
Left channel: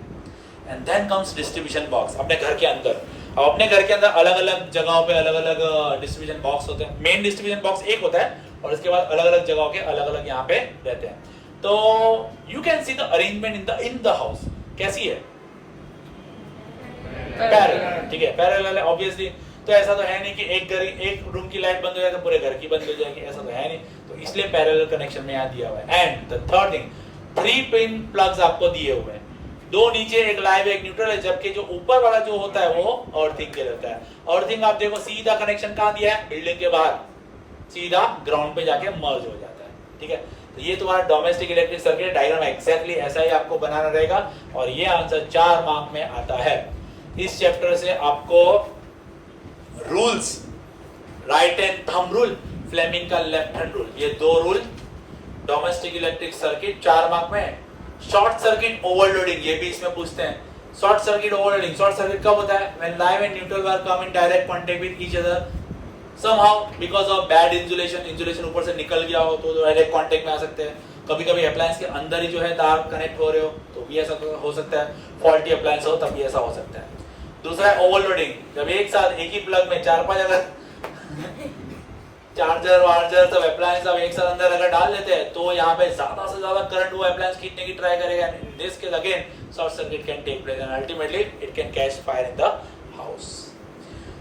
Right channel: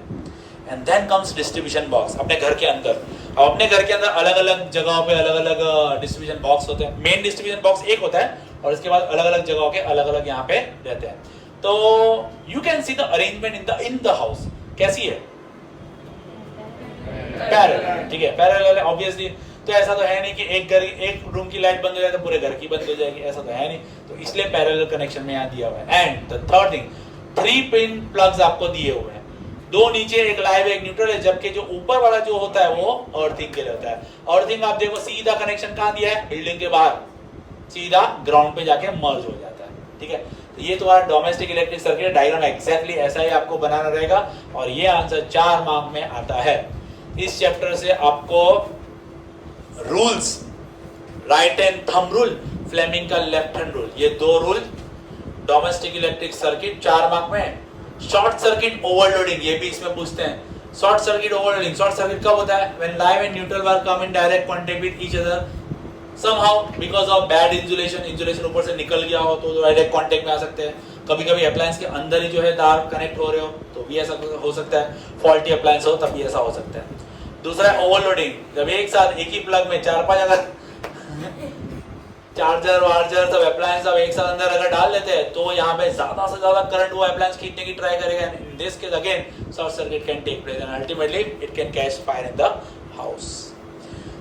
And then comes distribution box अपने घर के अंदर. अब अपने घर के अंदर अलग अलग जगहों पे अलग अलग डिस्ट्रीब्यूशन बॉक्स होते हैं. मेन डिस्ट्रीब्यूशन बॉक्स एक होता है और इसके बाद अलग अलग जगहों के अलग अलग यहाँ पे रहते हैं. तो you can see the arrangement in the house. कैसी है? पैरेलल, ठीक है. पैरेलल है ऑब्वियसली. तो ऐसा तो है नहीं कि एक रूम की लाइट बंद हो जाए तो पूरे घर की बंद हो जाएगी, ऐसा तो है नहीं. तो इसलिए पैरेलल कनेक्शन में यहाँ दिया हुआ है. And the third thing, 3 pin plugs आपको दिए हुए हैं. 2 नीचे, एक लाइव, एक न्यूट्रल है. जबकि जो ऊपर वाला जो होता है वो अर्थिंग के लिए होता है. अर्थिंग आप देखो सीधा कनेक्शन कहाँ दिया है? बिल्डिंग के बाहर, सीधा ग्राउंड पे जाके मर्ज हो जाता है, ठीक है. तो ये तुम्हारा domestic electric circuit diagram exactly ऐसा ही आपको बनाना रहेगा. और ये आंसर 4 मार्क में आता है. इस चैप्टर से आपको rules, right hand thumb rule, Fleming का लेफ्ट हैंड रूल, ये 2 rule domestic electric circuit 4 mark में. शॉर्ट सर्किट ओवरलोडिंग, ये भी इसमें पूछते हैं. Short circuit overloading, short circuit कब होता है? When live and neutral wire come in direct contact with each other somehow because of bad insulation ऊपर से निकल गया हो तो डायरेक्ट कांटेक्ट में आ सकते हैं. कभी कभी अप्लायंस के अंदर ही जो है तार कनेक्ट हो रहे हो तो भी ऐसा हो सकता है. फॉल्टी अप्लायंस हो तब भी ऐसा हो सकता है. दूसरा है ओवरलोडिंग, जब एक साथ एक ही प्लग में 4-5 अगर चार्जर वार्जर सब अप्लायंस सब एक साथ अंदर अगर डाल लेते हैं तो यहाँ पे ज्यादा से ज्यादा करंट वो अप्लायंस खींचने की ट्राई करेगा. In this case again short circuit can take place and ultimately it can catch fire in the house.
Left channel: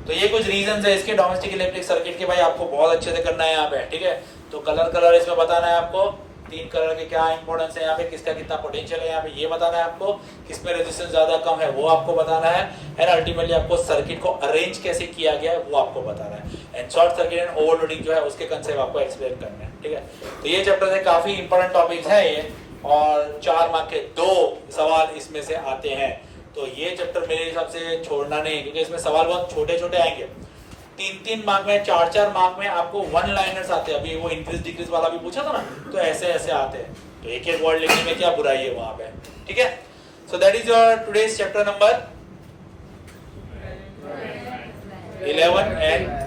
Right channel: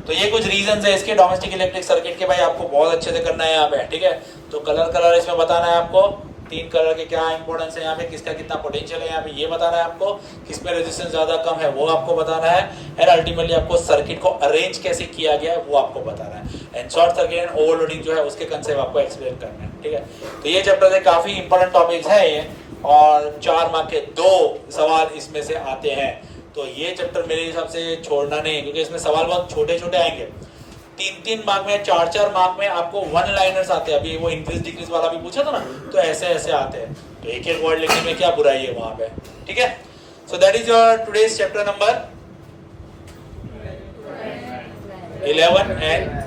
तो ये कुछ रीजंस है इसके डोमेस्टिक इलेक्ट्रिक सर्किट के. भाई आपको बहुत अच्छे से करना है यहाँ पे, ठीक है. तो कलर इसमें बताना है आपको. 3 कलर के क्या इंपॉर्टेंस है यहाँ पे, किसका कितना पोटेंशियल है यहाँ पे ये बताना है आपको. किसमें रेजिस्टेंस ज्यादा कम है वो आपको बताना है. एंड अल्टीमेटली आपको सर्किट को अरेंज कैसे किया गया है वो आपको बताना है. And short circuit and overloading जो है उसके कंसेप्ट आपको एक्सप्लेन करना है, ठीक है. तो ये चैप्टर से काफी इंपॉर्टेंट टॉपिक्स है ये, और 4 मार्क के 2 सवाल इसमें से आते हैं. तो ये चैप्टर मेरे हिसाब से छोड़ना नहीं है क्योंकि इसमें सवाल बहुत छोटे छोटे आएंगे. 3-3 मार्क में, 4-4 मार्क में आपको 1 लाइनर्स आते हैं. अभी वो इंक्रीज डिक्रीज वाला भी पूछा था ना, तो ऐसे ऐसे आते हैं. तो एक एक वर्ड लिखने में क्या बुराई है वहां पे, ठीक है. So that is your today's chapter number 11 and